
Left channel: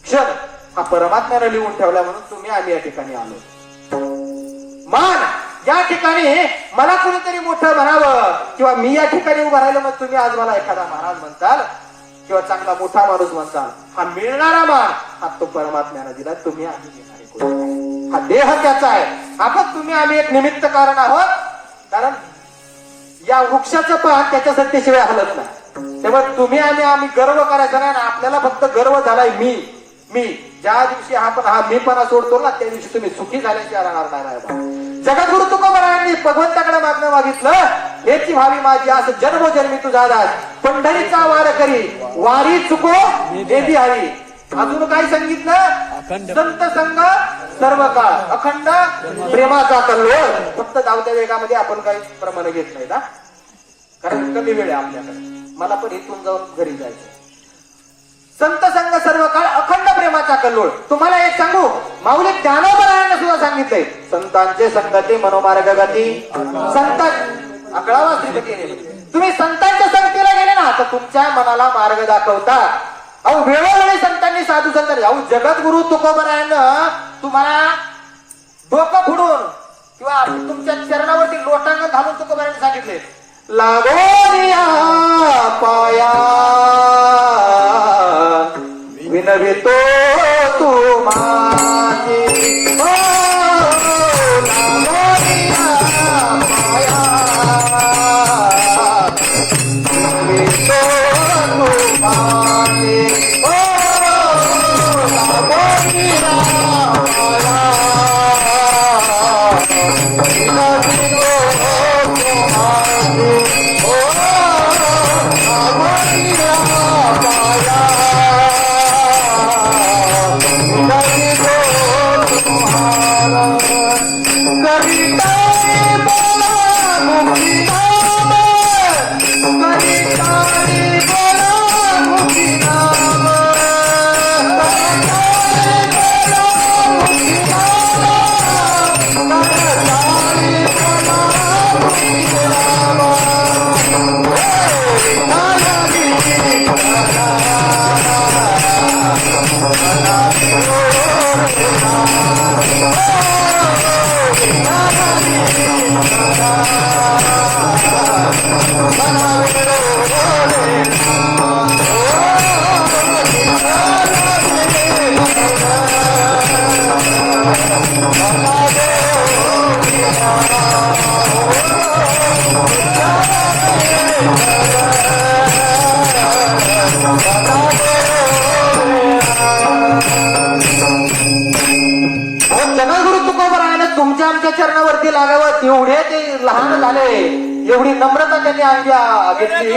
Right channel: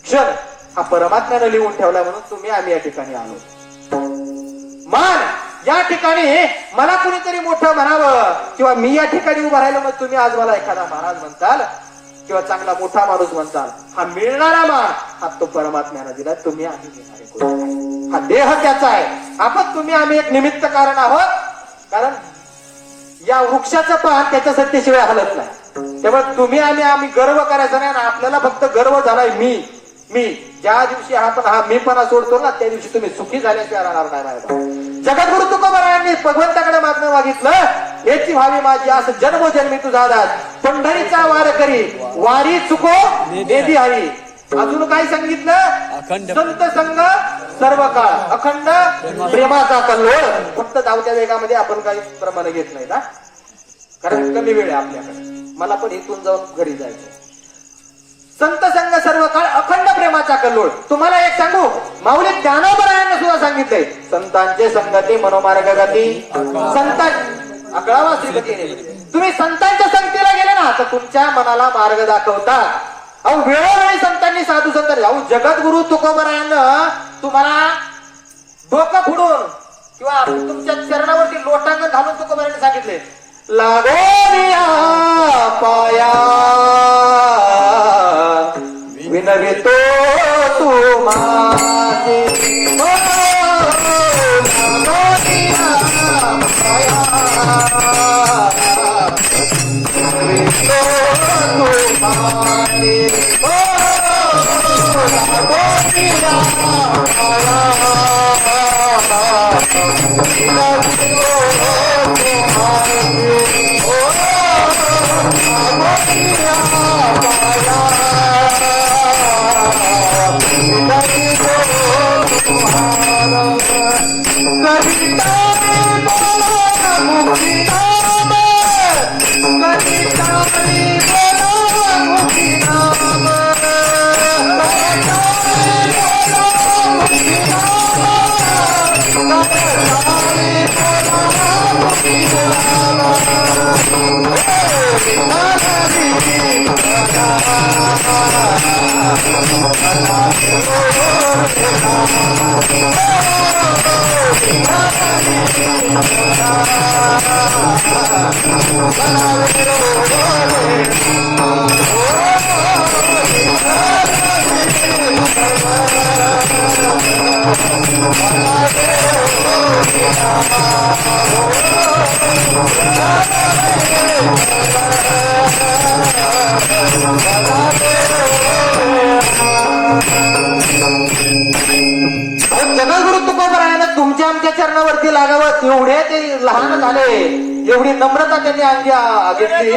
क्षण हा परमात्म्याने लिहून ठेवला म्हणून तुम्ही आम्ही या ठिकाणी आलो. मान या ठिकाणी मला कोणीतरी मोठं म्हणावं किंवा मी या ठिकाणी उभं राहिलो मग तुम्ही आज मला एखादा महाराज म्हणताल किंवा चांगला मोठा माणूस म्हणताल. हा मिळणारा मान हा तो परमात्म्याने दिला. तुम्ही आम्ही घेणारे कोण? हा देह त्याचा आहे. आपण तुम्ही आम्ही एक निमित्त कारण आहोत. कारण या वृक्षाचं पान त्याच्यासाठी शिवाय हलत नाही. त्यामुळे तुम्ही आम्ही गर्व करायचा नाही ना. आपल्याला फक्त गर्व झालाय मी ज्या दिवशी हा मीपणा सोडतो ना त्या दिवशी तुम्ही सुखी झाल्याशिवाय राहणार नाही. जगद्गुरु तुकोबारायांनी भगवंताकडे मागणं मागितलं याची व्हावी माझी असं जन्मोजन्मी तुझा दास पंढरीचा वार करी वारी चुको देदी हरी. अजून काय सांगितलं? संत संग सर्व काळ अखंड प्रेमाचा कल्लोळ. फक्त धावत्या वेगामध्ये आपण काही प्रमाण घेत नाही ना, कारण कमी वेळ आहे आपल्याकडे. मला पण इथून जाऊन घरी जायचं. संत संग सर्व काळ अखंड प्रेमाचा कल्लोळ. तुम्हाला एक सांगू, माऊली ज्ञानोबरायांना सुद्धा सांगितलंय संतांचे संगती मनोमार्ग गती. संत 11वा श्रीपतीने तुम्ही संतांच्या संगतीला गेले ना तर तुमच्या मनाला मार्ग दाखवता. अहो वेळोवेळी संतांनी साधू संत जगद्गुरु तुकोबरायांना तुम्हाला डोकं फुडून किंवा तुमच्या चरणावरती लोटांगण घालून तुकोबरायांनी सांगितले लागो पाया विनवितो तू माझे जगद्गुरु तुकोबरायानं तुमच्या आमच्या चरणावरती लागावं एवढे ते लहान झाले, एवढी नम्रता त्यांनी अंगी घेतली.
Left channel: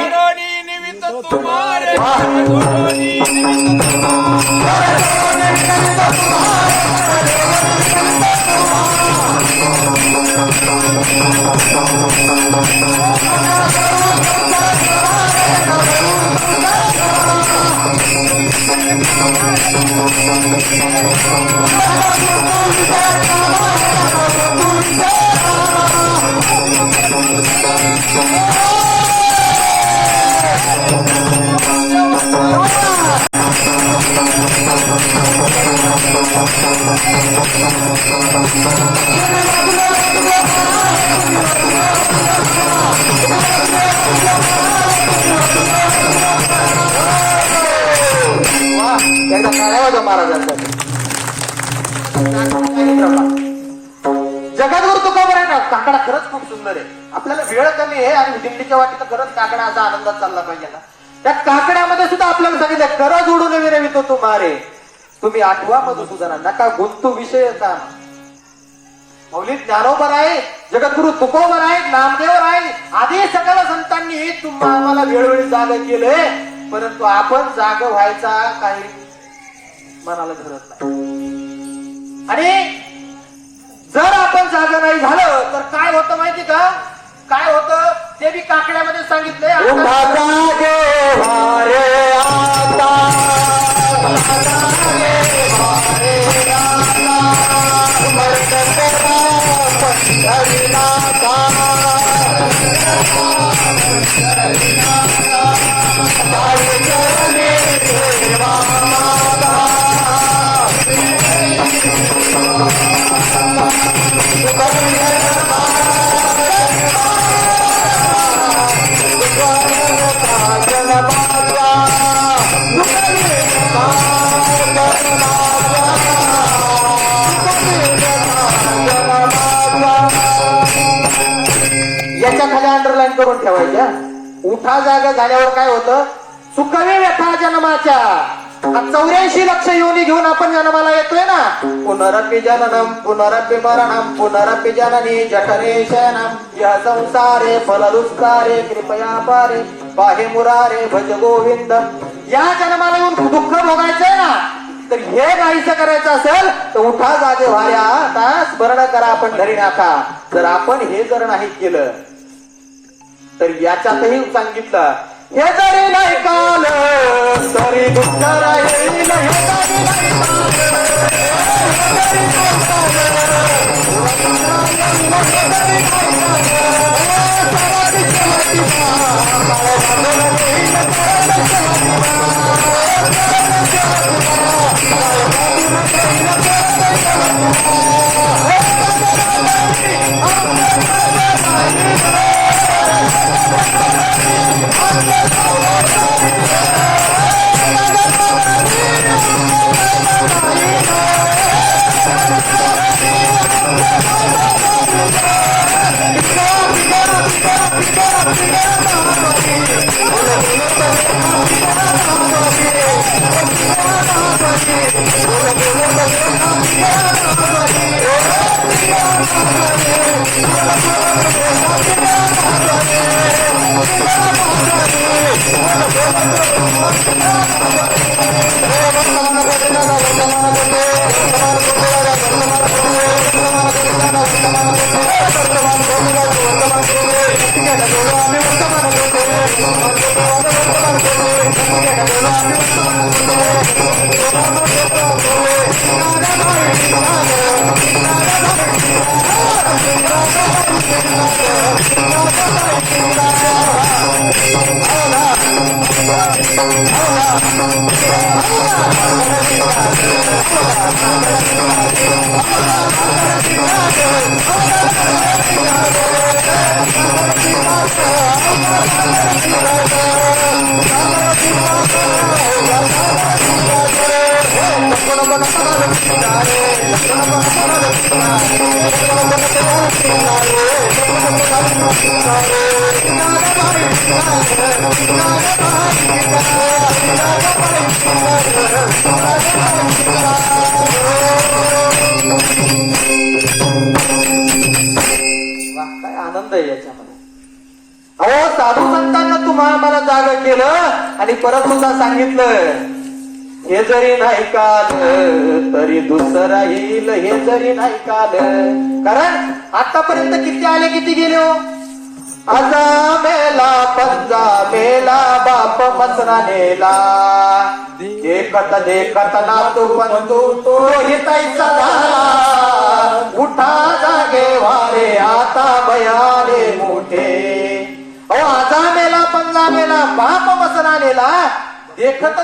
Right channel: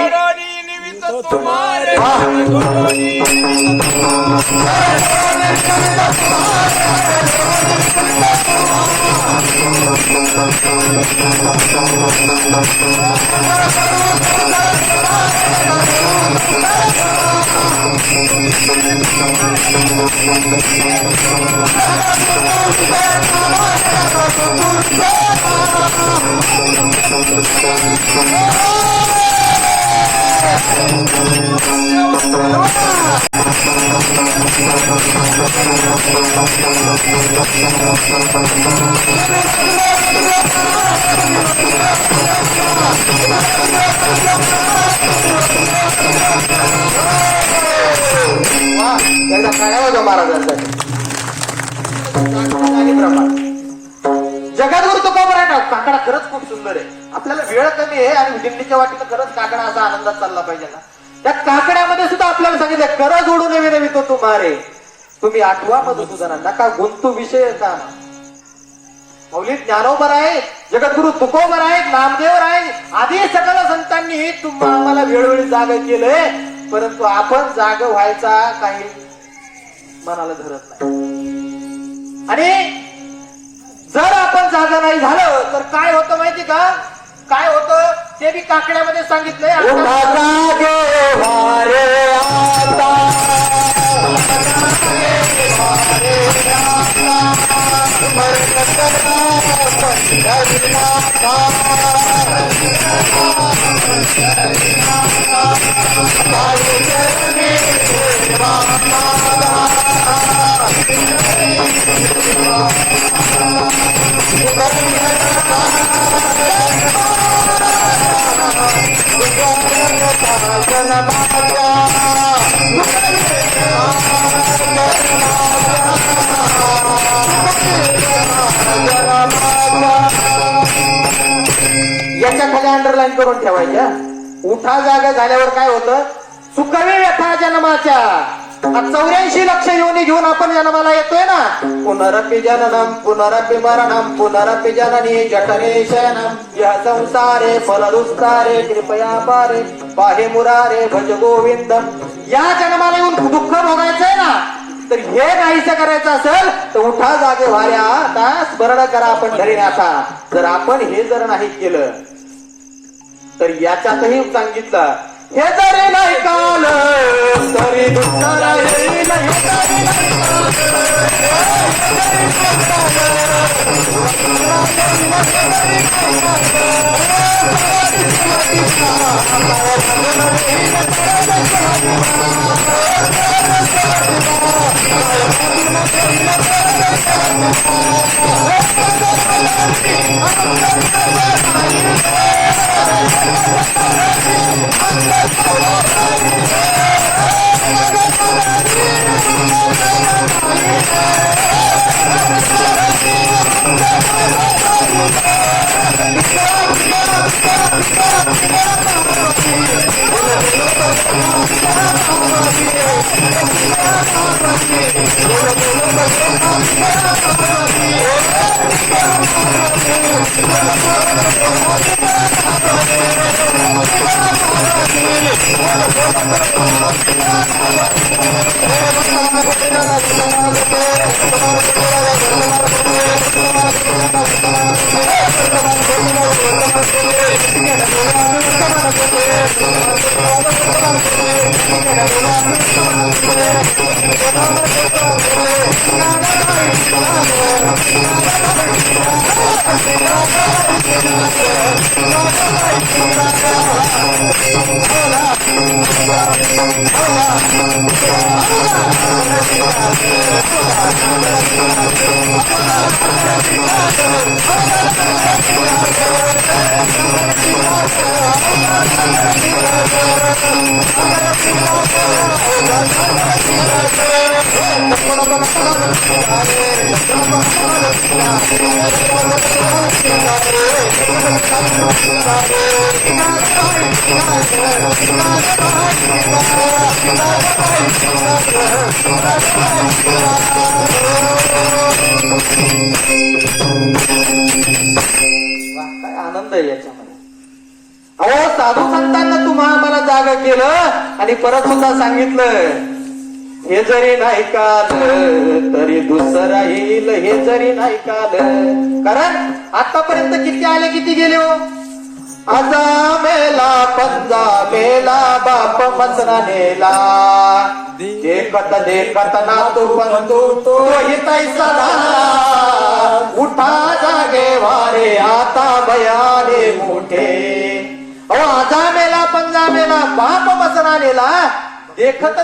जगद्गुरु तुकोबराय काकडा खरंच खूप सुंदर आहे. आपल्याला वेळ कमी आहे आणि दिंडीच्या वाटेला खरंच काकडा असा आनंदात चालला पाहिजे ना. त्या काकड्यामध्ये सुद्धा आपल्याला सांगितलं कर जोडून विनवितो तुम्हारे, तुम्ही आठवा मधुसूदना, नका गुंतू विषय का. मौलिक ज्ञानोबर आहे, जगद्गुरु तुकोबर आहे, नामदेवर आहे, आधी सकल संतांनी आम्हाला वेळोवेळी जाग केले, परंतु आपण जाग व्हायचा काही मनाला धरत नाही. आणि जर आपण जाग नाही झालं तर काय होतं माहिती का, काय होतं ते बी काकड्यामध्ये सांगितलंय. याच्या खाली अंडरलाईन करून ठेवायच्या. उठा जागा झाल्यावर काय होतं, सुखवी व्यथा जन्माच्या. 84 लक्ष योनी घेऊन आपण जन्माला येतोय ना. पुनरपि जननम पुनरपि मरणम पुनरपि जननी जठरे शयनम यह संसारे फलदुस्तारे कृपया पारे पाहे मुरारे भज गोविंद. या जन्माला येऊन दुःख भोगायचंय ना, तर हे नाहीचं करायचं असेल तर उठा जागे व्हाल्या, आता स्मरण करा आपण धरीनाथा. जर आपण हे जर नाही केलं तर याच्यातही सांगितलं, हे जरी नाही काल तरी दुःख राहील. Thank you. काय आनंद आहे याच्यामध्ये. अहो साधू संतांना तुम्हा मला जाग केलं आणि परत सुद्धा सांगितलं हे जरी नाही काल तरी दुसरं येईल, हे जरी नाही काल. कारण आतापर्यंत किती आले किती गेले हो. आजा मेला पंजा मेला बाप मसरा नेला देखत ना तो पण तो हिताईचा झाला. उठा जागे वारे आता बयाले मोठे. अहो आजा मेला पंजा मेला बाप मसरा नेला देखत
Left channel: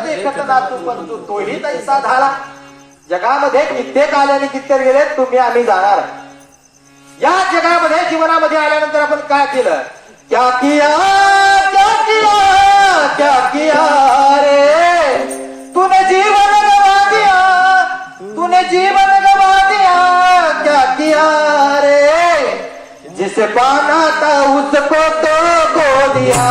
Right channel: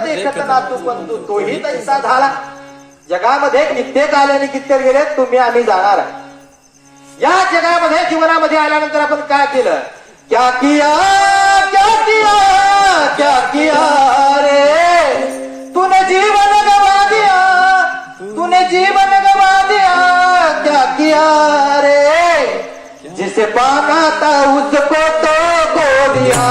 ना तू पण तोही तैसा झाला. जगामध्ये कित्येक आले आणि कित्येक गेले, तुम्ही आम्ही जाणार. या जगामध्ये जीवनामध्ये आल्यानंतर आपण काय केलं, क्या किया क्या किया क्या किया रे तूने जीवन गवा दिया, तूने जीवन गवा दिया. क्या किया रे जिसे पाना था उसको तो खो दिया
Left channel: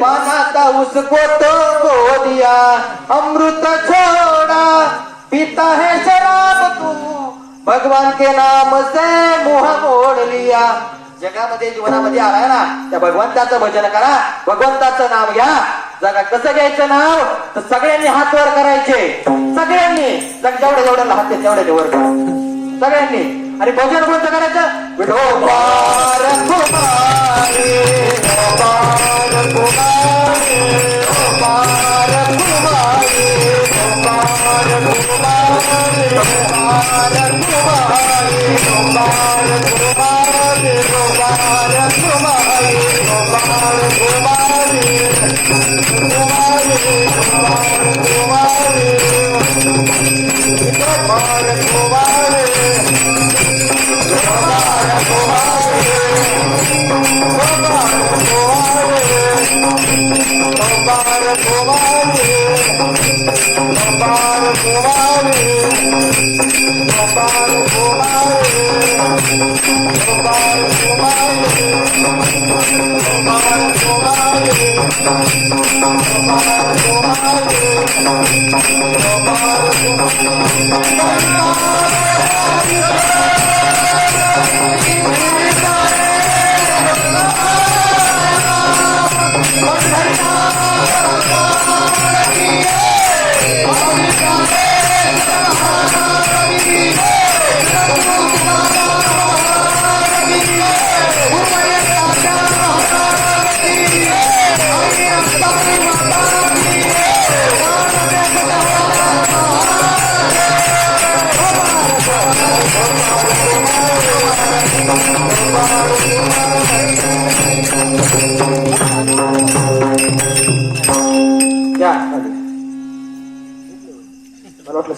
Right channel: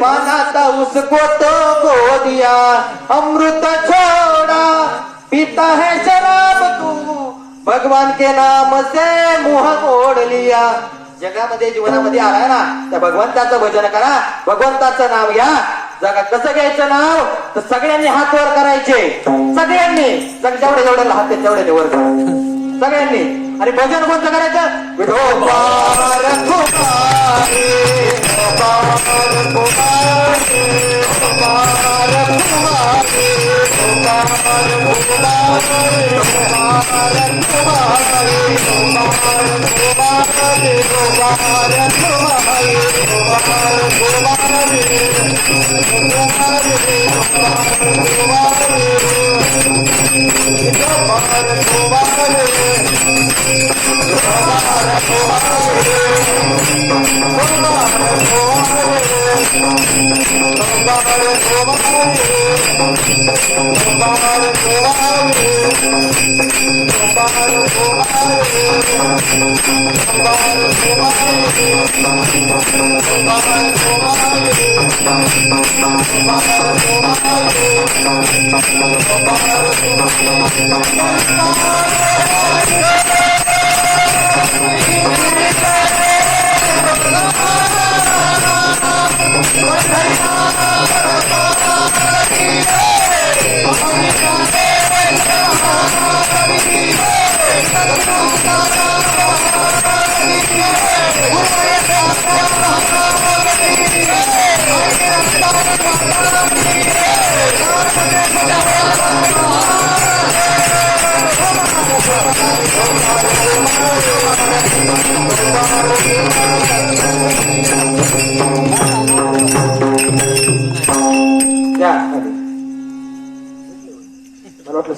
पाना था उसको तो खो दिया. अमृत छोड़ा पीता है शराब तू, भगवान के नाम से मुंह मोड़ लिया. जगामध्ये जीवनामध्ये आला ना त्या भगवंताचं भजन करा, भगवंताचं नाव घ्या. जगा कसं घ्यायचं नाव तर सगळ्यांनी हात वर करायचे, सगळ्यांनी जेवढे जेवढे हात तेवढे वर करायचे सगळ्यांनी. आणि भजन कोणतं करायचं, विठोबा रखुमारे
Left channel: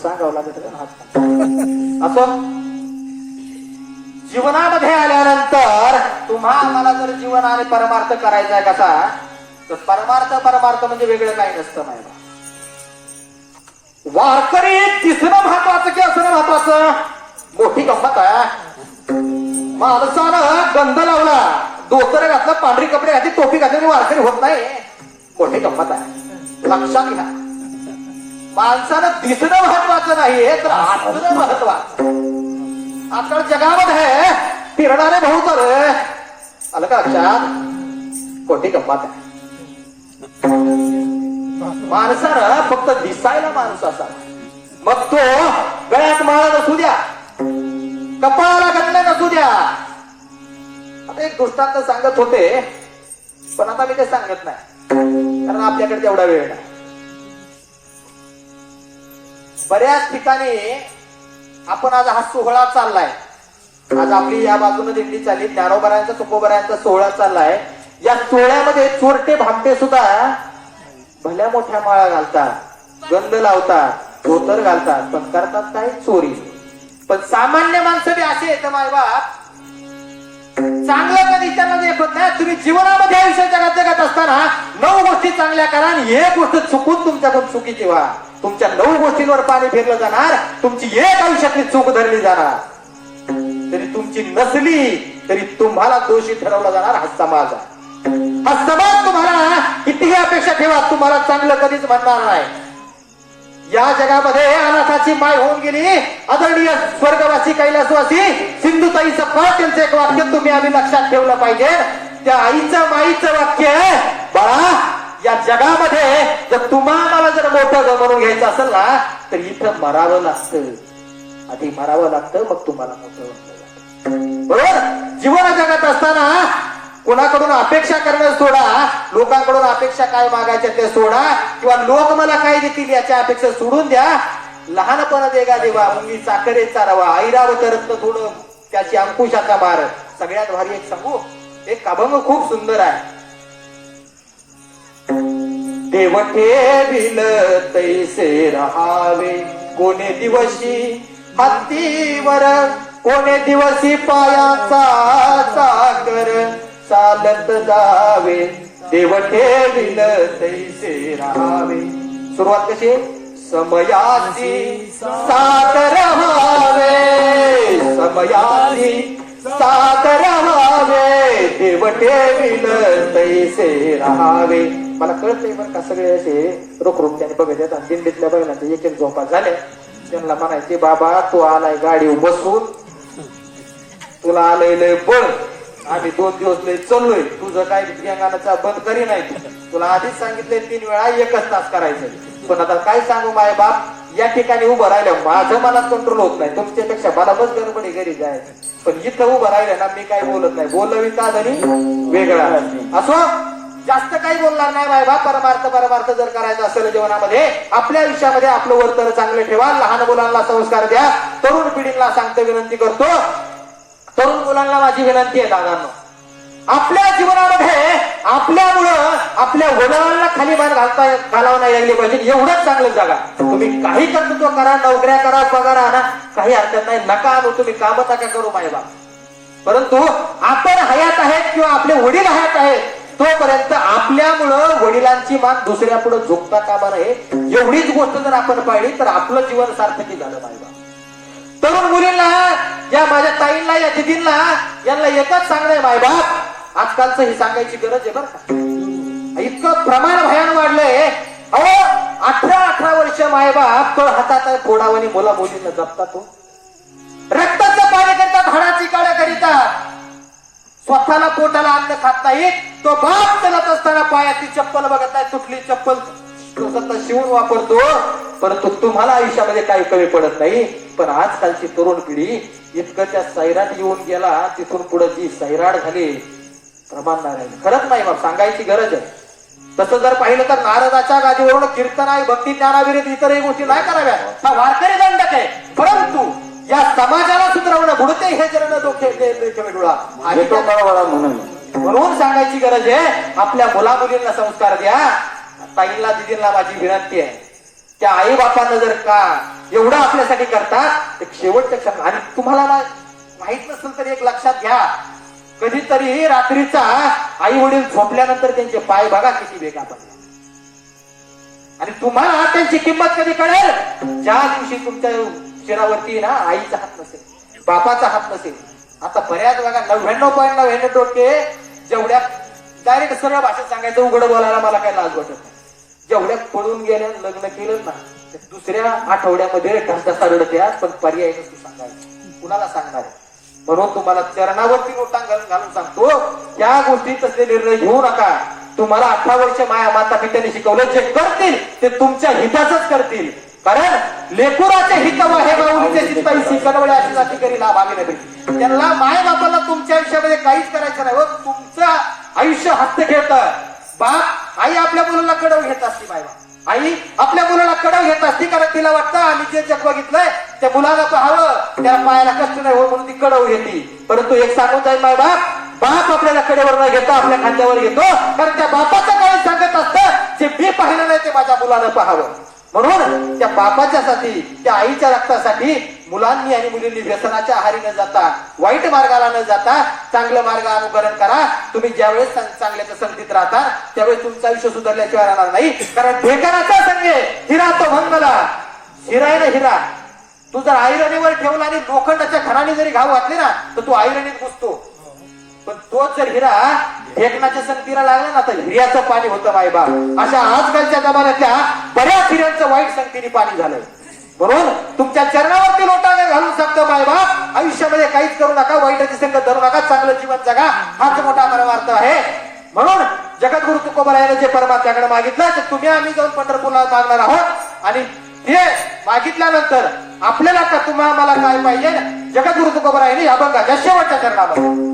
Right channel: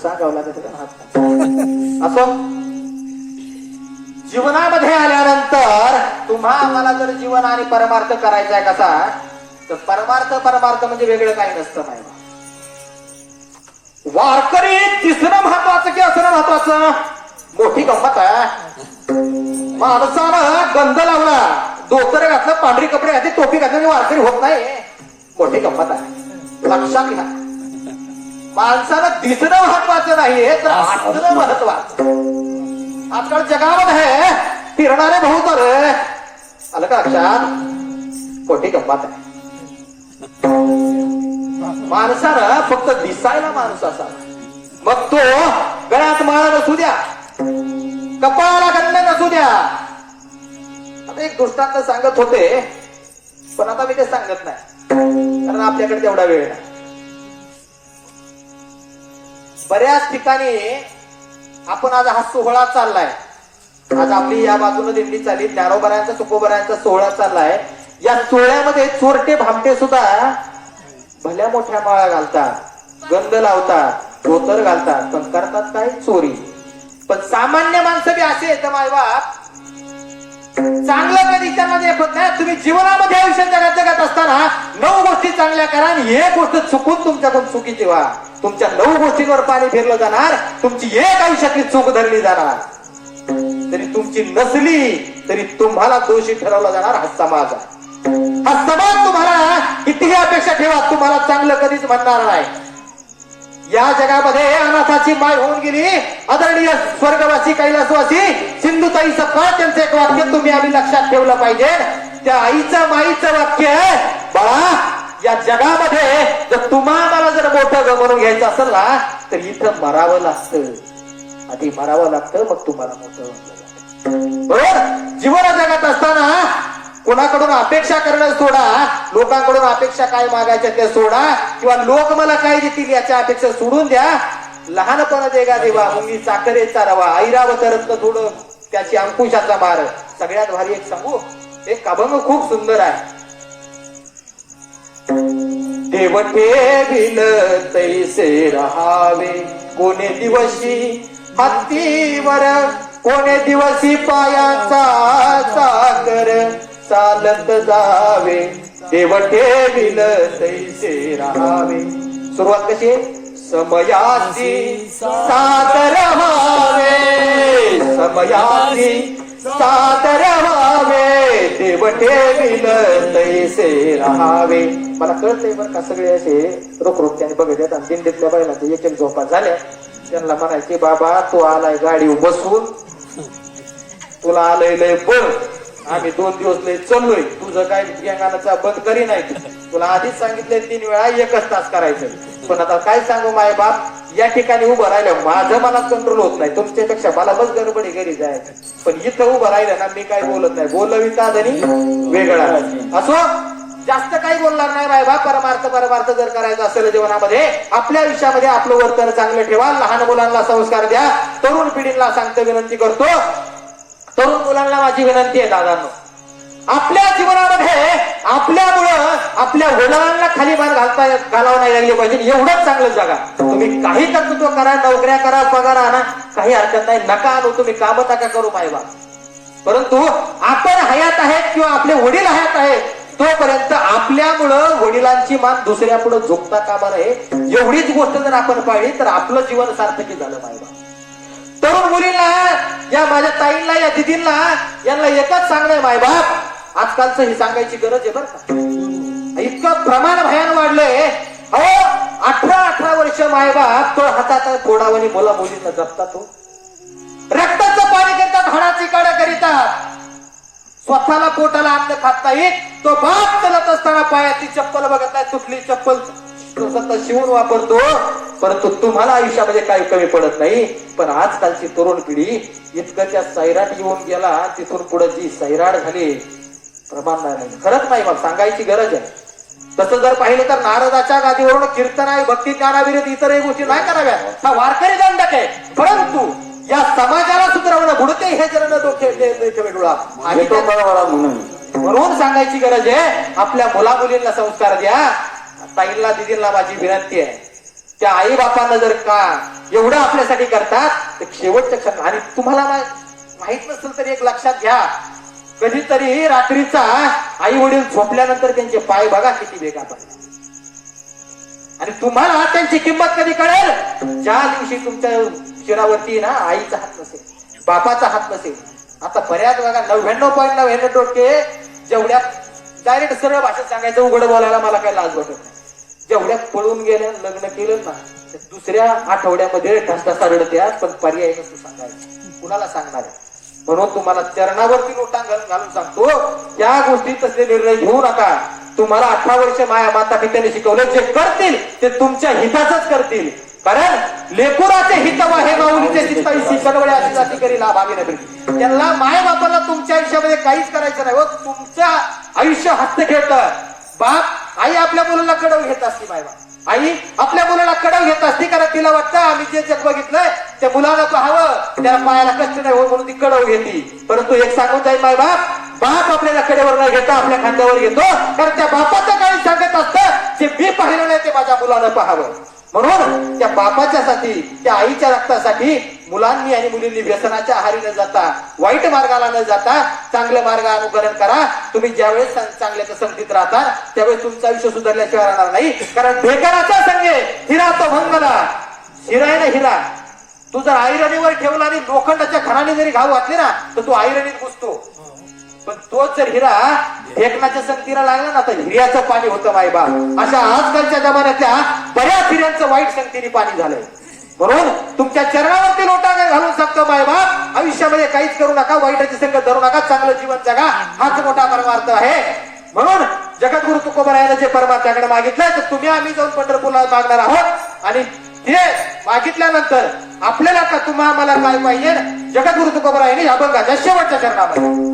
सांगावं लागत असं. जीवनामध्ये आल्यानंतर तुम्हा आम्हाला जर जीवन आणि परमार्थ करायचा आहे कसा, तर परमार्थ म्हणजे वेगळं काही नसतं. माहिती वारकरी दिसणं महत्वाचं की असणं महत्वाचं, मोठी गंमत आहे. माणसानं गंध लावला, धोतर घातलं, पांढरी कपडे घातली, टोपी घातली, वारकरी होत नाही. मोठी गंमत आहे, लक्षात घ्या. माणसानं दिसणं महत्वाचं नाहीये तर असणं महत्वाचं. आजकाल जगामध्ये फिरणारे भाऊ तर आलं का लक्षात, मोठी गंमत आहे. माणसानं फक्त दिसायला माणूस असा, मग तो गळ्यात माळा नसू द्या, कपाळाला गंध नसू द्या. आता एक दृष्टांत सांगत होते, पण आता मी ते सांगत नाही कारण आपल्याकडे तेवढा वेळ नाही. बऱ्याच ठिकाणी आपण आज हा सोहळा चाललाय, आज आपली या बाजूने दिंडी चालली, ज्ञानोबरांचा तुकोबरांचा सोहळा चाललाय. या सोहळ्यामध्ये चोरटे भामटे सुद्धा भल्या मोठ्या माळा घालतात, गंध लावतात, धोतर घालतात, पण करतात काय? चोरी. पण सामान्य माणसं बी असे येतं मायबाप, चांगलं कधी त्यांना देखत नाही. तुम्ही जीवनामध्ये आयुष्य जगत असताना 9 गोष्टी चांगल्या करा आणि एक गोष्ट चुकून तुमच्याकडून चुकीची व्हा. तुमच्या 9 गोष्टींवर पाणी फिरलं जाणार, तुमची एक आयुष्यातली चूक धरली जाणार. तरी तुमची नसली तरी तुम्हाला दोषी ठरवला जाणार हा समाज आहे. हा समाज तुम्हाला कितीही अपेक्षा ठेवा, तुम्हाला चांगलं कधीच म्हणणार नाही. या जगामध्ये अनाथाची माय होऊन गेली आदरणीय स्वर्गवासी कैलासवासी सिंधुताई सपकाळ त्यांचं एक वाक्य तुम्ही आम्ही लक्षात ठेवलं पाहिजे. त्या आईचं माईचं वाक्य, बाळा या जगामध्ये जर तुम्हाला जर मोठं म्हणून घ्यायचं असेल ना तर इथं मरावं लागतं, आधी मरावं लागतं, मग तुम्हाला मोठं बरोबर. जीवन जगत असताना कोणाकडून अपेक्षा करणं सोडा, लोकांकडून अपेक्षा काय मागायच्या ते सोडा, किंवा लोक मला काय देतील याच्या अपेक्षा सोडून द्या. लहानपणा देगा देवा मुंगी चाकरेचा रवा, ऐरावत रत्न थोडं त्याची अंकुशाचा मार. सगळ्यात भारी एक सांगू, एक अभंग खूप सुंदर आहे. देव ठेविल तैसे रहावे, कोणे दिवशी हत्तीवर, कोणे दिवसी पायाचा चाकर चालत जावे. देव ठेविल तैसे राहावे. सुरुवात कशी? समयाची सादर व्हावे, समयाची सादर व्हावे, देव ठेविल तैसे राहावे. मला कळतंय बरं का, सगळे असे रोखरोख्याने बघत आणि दिंडीतल्या बैलांचे एक एक झोपा झाल्या. त्यांना म्हणायचे, बाबा तू आलाय गाडीवर बसून, तुला आलंय लय बळ, आम्ही 2 दिवस लय चाललोय, तुझं काय गाण्याचा बंद करी नाही. तुला आधीच सांगितलंय 3 वेळा 1च तास करायचं. पण आता काय सांगू माय बाप, या ठिकाणी उभं राहिलं माझं मनात कंट्रोल होत नाही. तुमच्यापेक्षा मला बस गडबडी घरी जायचं, पण इथं उभं राहिलं ना मी काय बोलत नाही. बोललं विचार आणि वेगळा असो, जास्त काही बोलणार नाही माय बाप. परमार्थ जर करायचं असेल जीवनामध्ये, आपल्या आयुष्यामध्ये आपलं वर्तन चांगलं ठेवा. लहान मुलांना संस्कार द्या. तरुण पिढीला सांगतो, विनंती करतो, तरुण मुलांना माझी विनंती आहे दादांनो, आपल्या जीवनामध्ये आपल्यामुळं आपल्या वडिलांना खाली मान घालावं नाही लागली पाहिजे. एवढंच चांगलं जगा. तुम्ही काही कर्तृत्व करा, नोकऱ्या करा, पगार आणा, काही हरकत नाही. नका आणू, तुम्ही काम नका करू मायबा. परंतु आपण हयात आहेत किंवा आपले वडील हयात आहेत तोपर्यंत आपल्यामुळं वडिलांची मान दुसऱ्या पुढे झोपता कामा नये. एवढीच गोष्ट जर आपण पाहिली तर आपलं जीवन सार्थकी झालं मायबा. तरुण मुलींना, या माझ्या ताईंना, या दिदींना, यांना एकच सांगणं मायबाप, आजकालचं ही सांगायची गरज आहे बरं का. इतकं प्रमाण भयान वाढलंय. अहो 18 वर्ष मायबाप तो हातात फोडावणी मुला मुलींना जपतात, तो रक्ताचं पाणी करतात, हाडाची काढा करीतात, स्वतःला पोटाला अन्न खात नाहीत. तो बाप चालत असताना पायाची चप्पल बघत नाही, तुटली चप्पल स्वतः शिवून वापरतो. परंतु तुम्हाला आयुष्यामध्ये काही कमी पडत नाही. पण आजकालची तरुण पिढी इतकं त्या सैराट येऊन गेला, तिथून पुढे जी सैराट झाली प्रमाण नाही. खरंच नाही, मग सांगायची गरज आहे. तसं जर पाहिलं तर नारदाच्या गादीवरून कीर्तन आहे, भक्ती ज्ञानाविरुद्ध इतरही गोष्टी नाही कराव्या, हा वारकरी दंडक आहे. परंतु या समाजाला सुधारवणं बुडते हे जर न डोके म्हणून सांगायची गरज आहे. आपल्या मुला मुलींना संस्कार द्या. ताईंना दिदींना माझी विनंती आहे, त्या आई बापांना जर का एवढं आपल्यासाठी करतात तर शेवटच्या क्षण, आणि तुम्हाला माहित नसेल तर एक लक्षात घ्या, कधीतरी रात्रीचा आई वडील झोपल्यानंतर त्यांचे पाय बघा किती वेगा पडतात. आणि तुम्हाला त्यांची किंमत कधी कळेल, ज्या दिवशी तुमच्या शिरावरती ना आईचा हात नसेल, बापाचा हात नसेल. आता बऱ्याच बघा 99.99% जेवढ्या डायरेक्ट सरळ भाषेत सांगायचं, उघड बोलायला मला काही लाज वाटत नाही, जेवढ्या पळून गेल्या लग्न केलं ना दुसऱ्या आठवड्यामध्ये ठसठसा रडत्या, पण पर्याय नसतो सांगायचं, कुणाला सांगणार. म्हणून तुम्हाला चरणावरती लोटांगण घालून सांगतो, त्या गोष्टीत तसले निर्णय घेऊ नका. तुम्हाला 18 वर्ष माता पित्याने शिकवलं, जे करतील ते तुमच्या हिताचंच करतील. कारण लेकुराचे हित हे माऊलीचे चित्ताविषयी कनवळे अशी जाती करी लाभ आम्ही नव्हे. त्यांना माय बापाला तुमच्या आयुष्यामध्ये काहीच करायचं नाही. तुमचं आयुष्य हस्त घेत बाप आई आपल्या मुलाला कडव घेत असते माय बाप. आई आपल्या मुलाला कडव घेत असती, कारण तिला वाटतं आम्ही जे जग बघितलंय त्या मुलाला पाहावं, त्याला पायाला कष्ट नाही हो म्हणून ती कडव घेते. परंतु एक सांगून जाईल माय बाप आपल्याला कडेवर नाही घेतो, आपल्या खांद्यावर घेतो, कारण त्या बापाच्या काळी सांगत असतं जे मी पाहिलं नाही ते माझ्या मुलानं पाहावं. म्हणून त्या बापाच्यासाठी, त्या आईच्या रक्तासाठी मुलांनी आणि मुलींनी व्यसनाच्या आहारी न जाता, वाईट मार्गाला न जाता चांगलं मार्ग अनुकरण करा. तुम्ही ज्यावेळेस चांगल्याच्या संगतीत राहता त्यावेळेस तुमचं आयुष्य सुधारल्याशिवाय राहणार नाही. कारण ढेकणाचा संगे हिरा तो मंगला, हिरा आहे ना हिरा, तू जर आयरणीवर ठेवला आणि लोखंडाच्या खणाने जरी घाव घातली ना तर तू आयरणीत घुसतो. पण तोच जर हिरा ढेकणाच्या संगतीला लागला ना तर हिऱ्याचं पाणी होतं मायबा. अशा आजकालच्या जमान्यातल्या बऱ्याच हिऱ्यांचं वाईट संगतीने पाणी झालंय. म्हणून तुमच्या चरणावरती लोटांगण घालून सांगतो मायबाप, आयुष्यामध्ये काहीच करू नका, वाईटाची संगत धरू नका, चांगलं जीवन जगा, हाच मोठा परमार्थ आहे. म्हणून जगद्गुरु तुकोबरायाने जे परमार्थाकडे मागितलं तर तुम्ही आम्ही जाऊन पंढरपूरला मागणार आहोत. आणि ते मागितल्यानंतर आपल्याला का तुम्हा आम्हाला काय पाहिजे, जगद्गुरु तुकोबरायाने अभंगाच्या शेवटच्या चरणामध्ये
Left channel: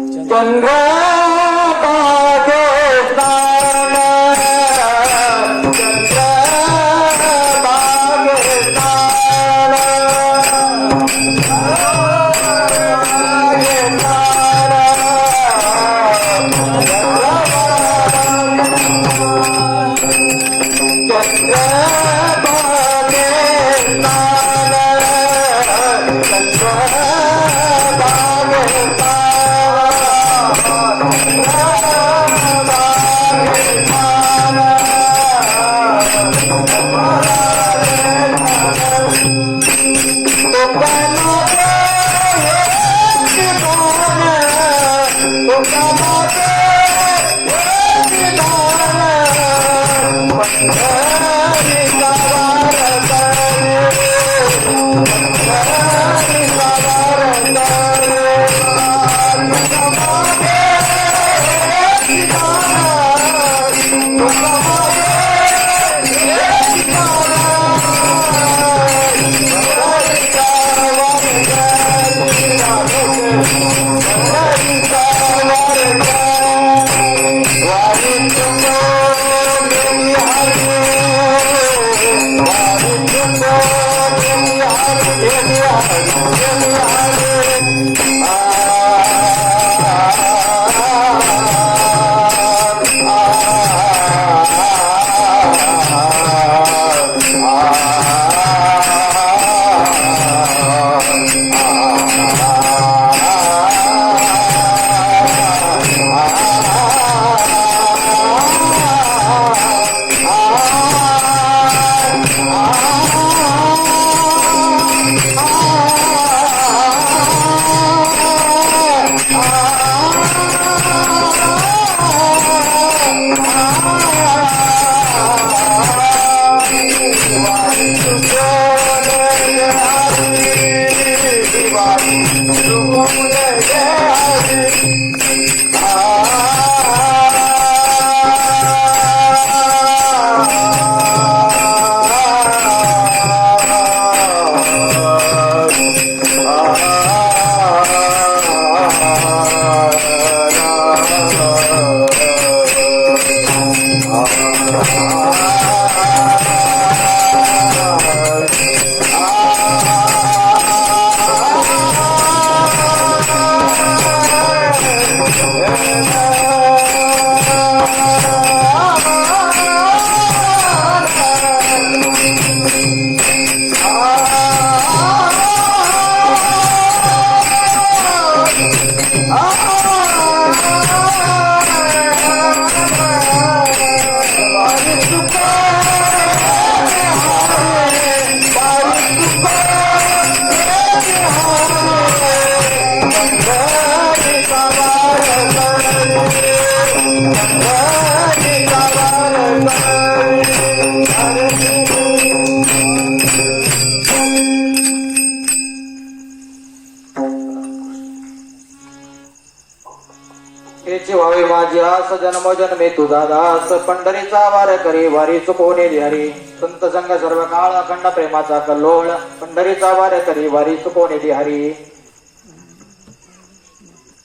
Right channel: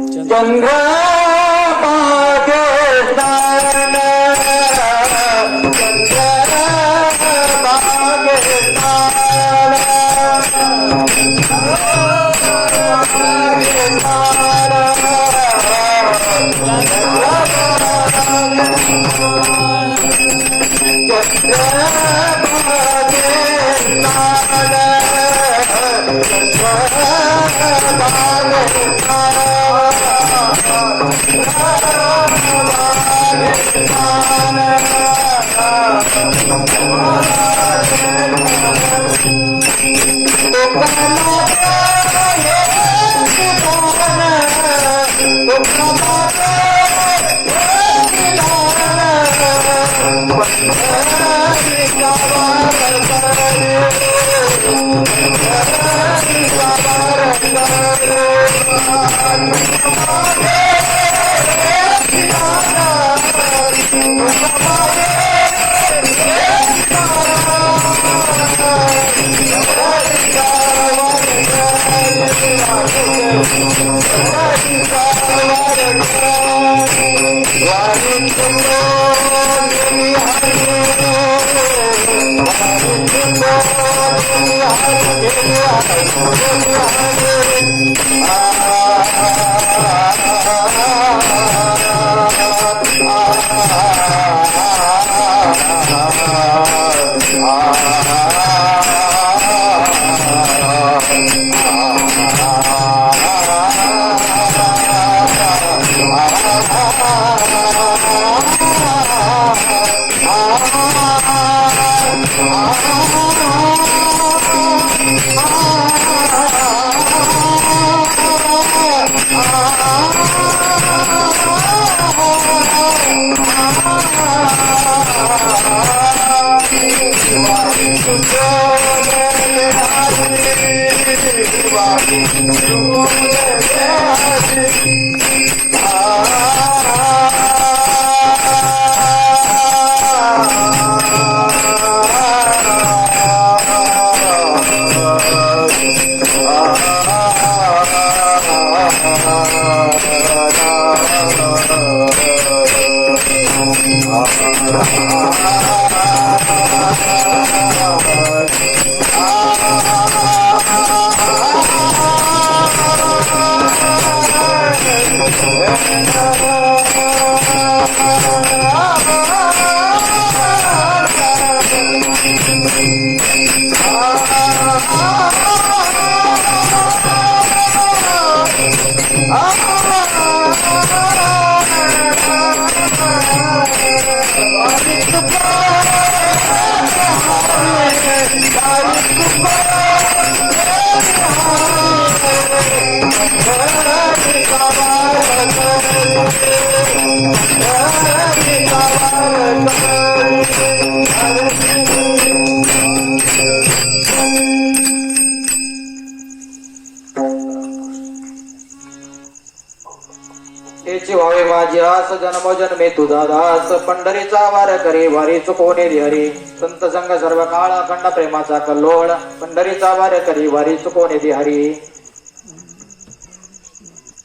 हेची व्हावे माझी आस जन्मोजन्मे तुझा दास पंढरीचा वार करी वारी चुकवणे हरी संत संग सर्व काळ अखंड प्रेमाचा कल्लोळ पंढरीचा वार करी वारी चुकवणे हरी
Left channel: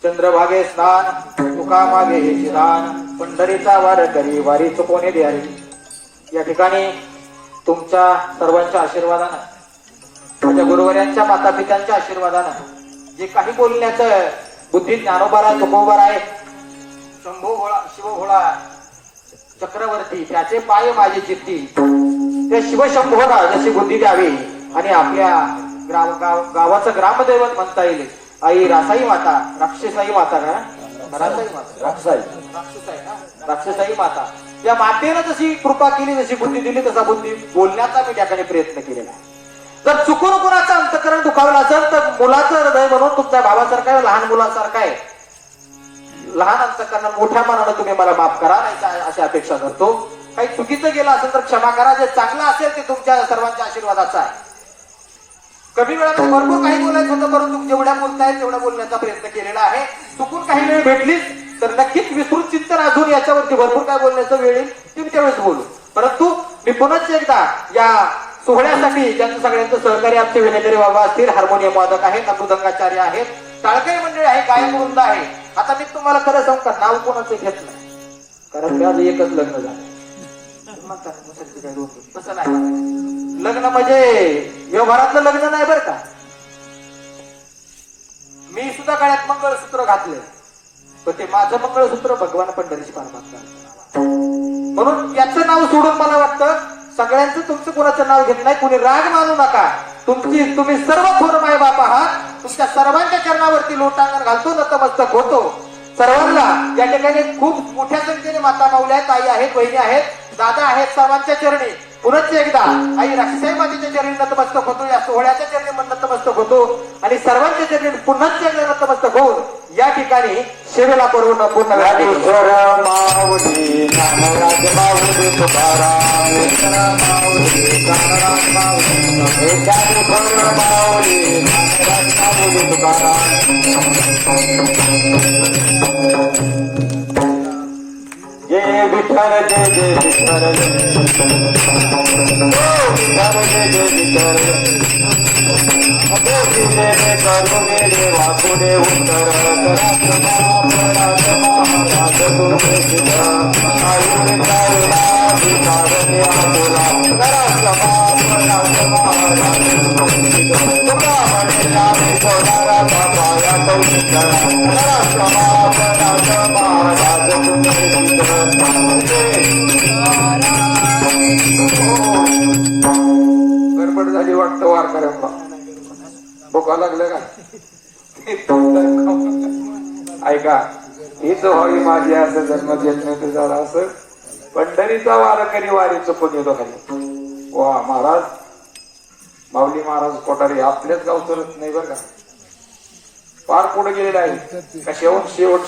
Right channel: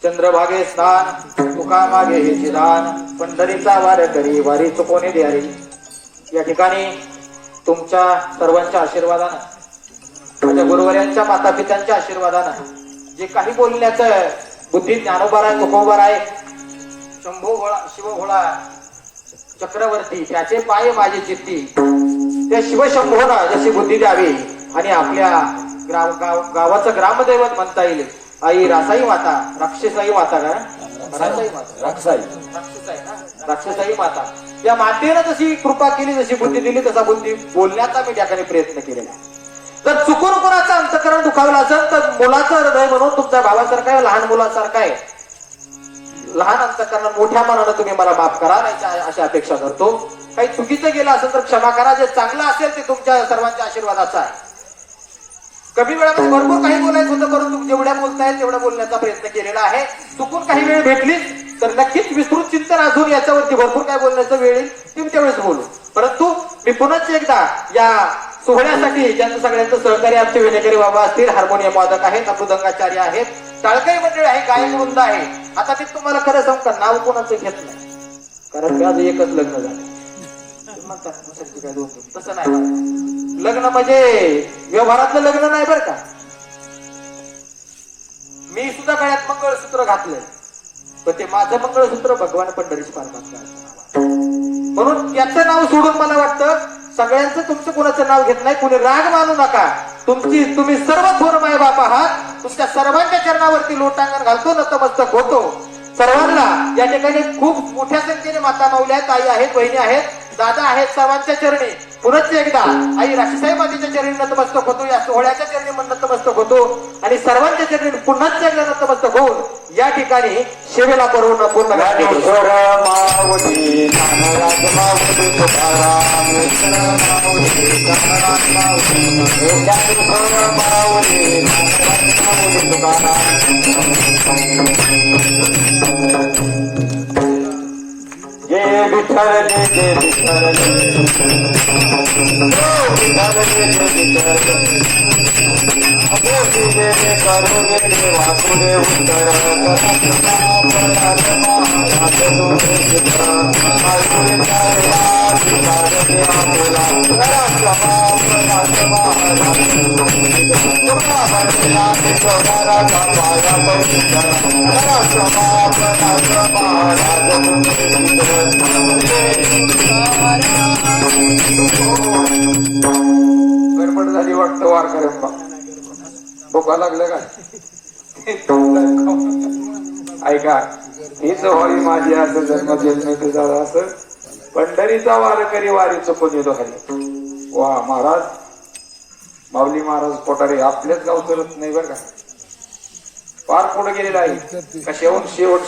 चंद्रभागे स्नान तुका मागे हे दान पंढरीचा वार करी वारी चुकवणे हरी. या ठिकाणी तुमच्या सर्वांच्या आशीर्वादानं, माझ्या गुरुवर्यांच्या माता पित्यांच्या आशीर्वादानं जे काही बोलण्याचं बुद्धी ज्ञानोबार आहे, तुकोबार आहे, शंभू भोळा, शिव भोळा चक्रवर्ती त्याचे पाय माझी चित्ती, त्या शिवशंभोला जशी बुद्धी द्यावी आणि आपल्या गावाचं ग्रामदैवत म्हणता येईल आई रासाई माता, राक्षसाई माता ना, रासाई माता, राक्षसाई माता, त्या मातेनं जशी कृपा केली, जशी बुद्धी दिली, तसा बुद्धी बोलण्याचा मी त्या ठिकाणी प्रयत्न केलेला आहे. जर चुकून कोणाचं अंतःकरण दुखावलं असेल तर मुलाचं हृदय म्हणून तुमच्या भावासारखं आहे, लहान मुलासारखं आहे, लहान अंतःकरण मोठ्या मनानं तुम्ही मला माफ करा, नाही अशी अपेक्षा करतो. काही चुकीचं गेलं असेल तर क्षमा करा, जे चांगलं असेल ते तुमच्या सर्वांच्या आशीर्वादाचं आहे. कमी वेळात भरपूर काही बोलायचं होतं, परंतु जेवढ्या बोलताय तेवढ्या बोलण्याचा प्रयत्न केलेला आहे. चुकून काही वेळ भेटलीच तर नक्कीच विस्तृत चिंतन अजून याच्यावरती भरपूर काय बोलण्याचं वेळ येईल ती त्यावेळेस बोलू. परंतु मी पुन्हा एकदा या सोहळ्यासाठी ज्यांचं सगळ्यांचं सहकार्य आमचे विनेकरी बाबा असतील, हार्मोनियम वादक आहेत, मृदंगाचार्य आहेत, टाळकरी मंडळी आहे, गायक वृंद आहे. आता मी तुम्हाला खरं सांगू का, नाव कोणाचं घेत नाही, कारण माझं एकच लग्न झालं. तसं नाही, लग्न म्हणजे व्यवहारातलं लग्न नाही बरं का. मी सुद्धा गळ्यात मंगळसूत्र घातलंय, पण ते माझं मंगळसूत्र भगवान पंढरीची परमात्मा, म्हणून याचं नाव सोडून मला वाटतं सगळ्यांचं तुमचं कोणाचं नाव घेत नाही, कुणी राग मानू नका. तुम्ही सर्व थोर माय बाप आहात, तुमच्या सर्वांच्या चरणावरती लोटांगण घालतो, नतमस्तक होतो. सर्वांना या ठिकाणी खूप मोठ्या संख्येने माता माऊल्या आहेत, आई आहेत, बहिणी आहेत, दादा आहेत, सर्वांच्या चरणी पुनश्च एकदा आई राक्षसाई मातेच्या चरणी नतमस्तक होतो, या सोहळ्याच्या चरणी पण नतमस्तक होतो आणि सर्वांच्या चरणी पुनश्च एकदा नतमस्तक होऊन या ठिकाणी सेवेला पूर्ण जय विठ्ठल जय जय विठ्ठल गडबड झाली वाटतं वारकऱ्या भोका लागलं का ऐका, हीच व्हावी माझी असं जन्मजन्मी तुझा असं पंढरीचा वारकरी वारी चुकून येतो खाली. वा महाराज, माऊली महाराज कोठारे आपल्याच गावचं रथ नाही बरं का, पार पुढे गेलेला आहे का. शेवट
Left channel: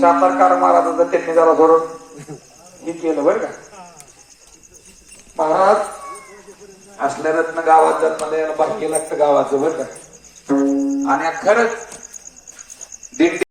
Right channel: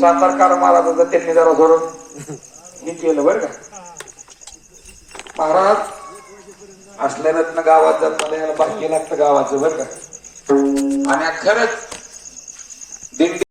सातारकार महाराजांचं त्यांनी जरा धोरण हे केलं बरं का. महाराज असल्या रत्न गावात जन्मले बाकी लागतं गावाचं बरं का. आणि खरंच दिंडी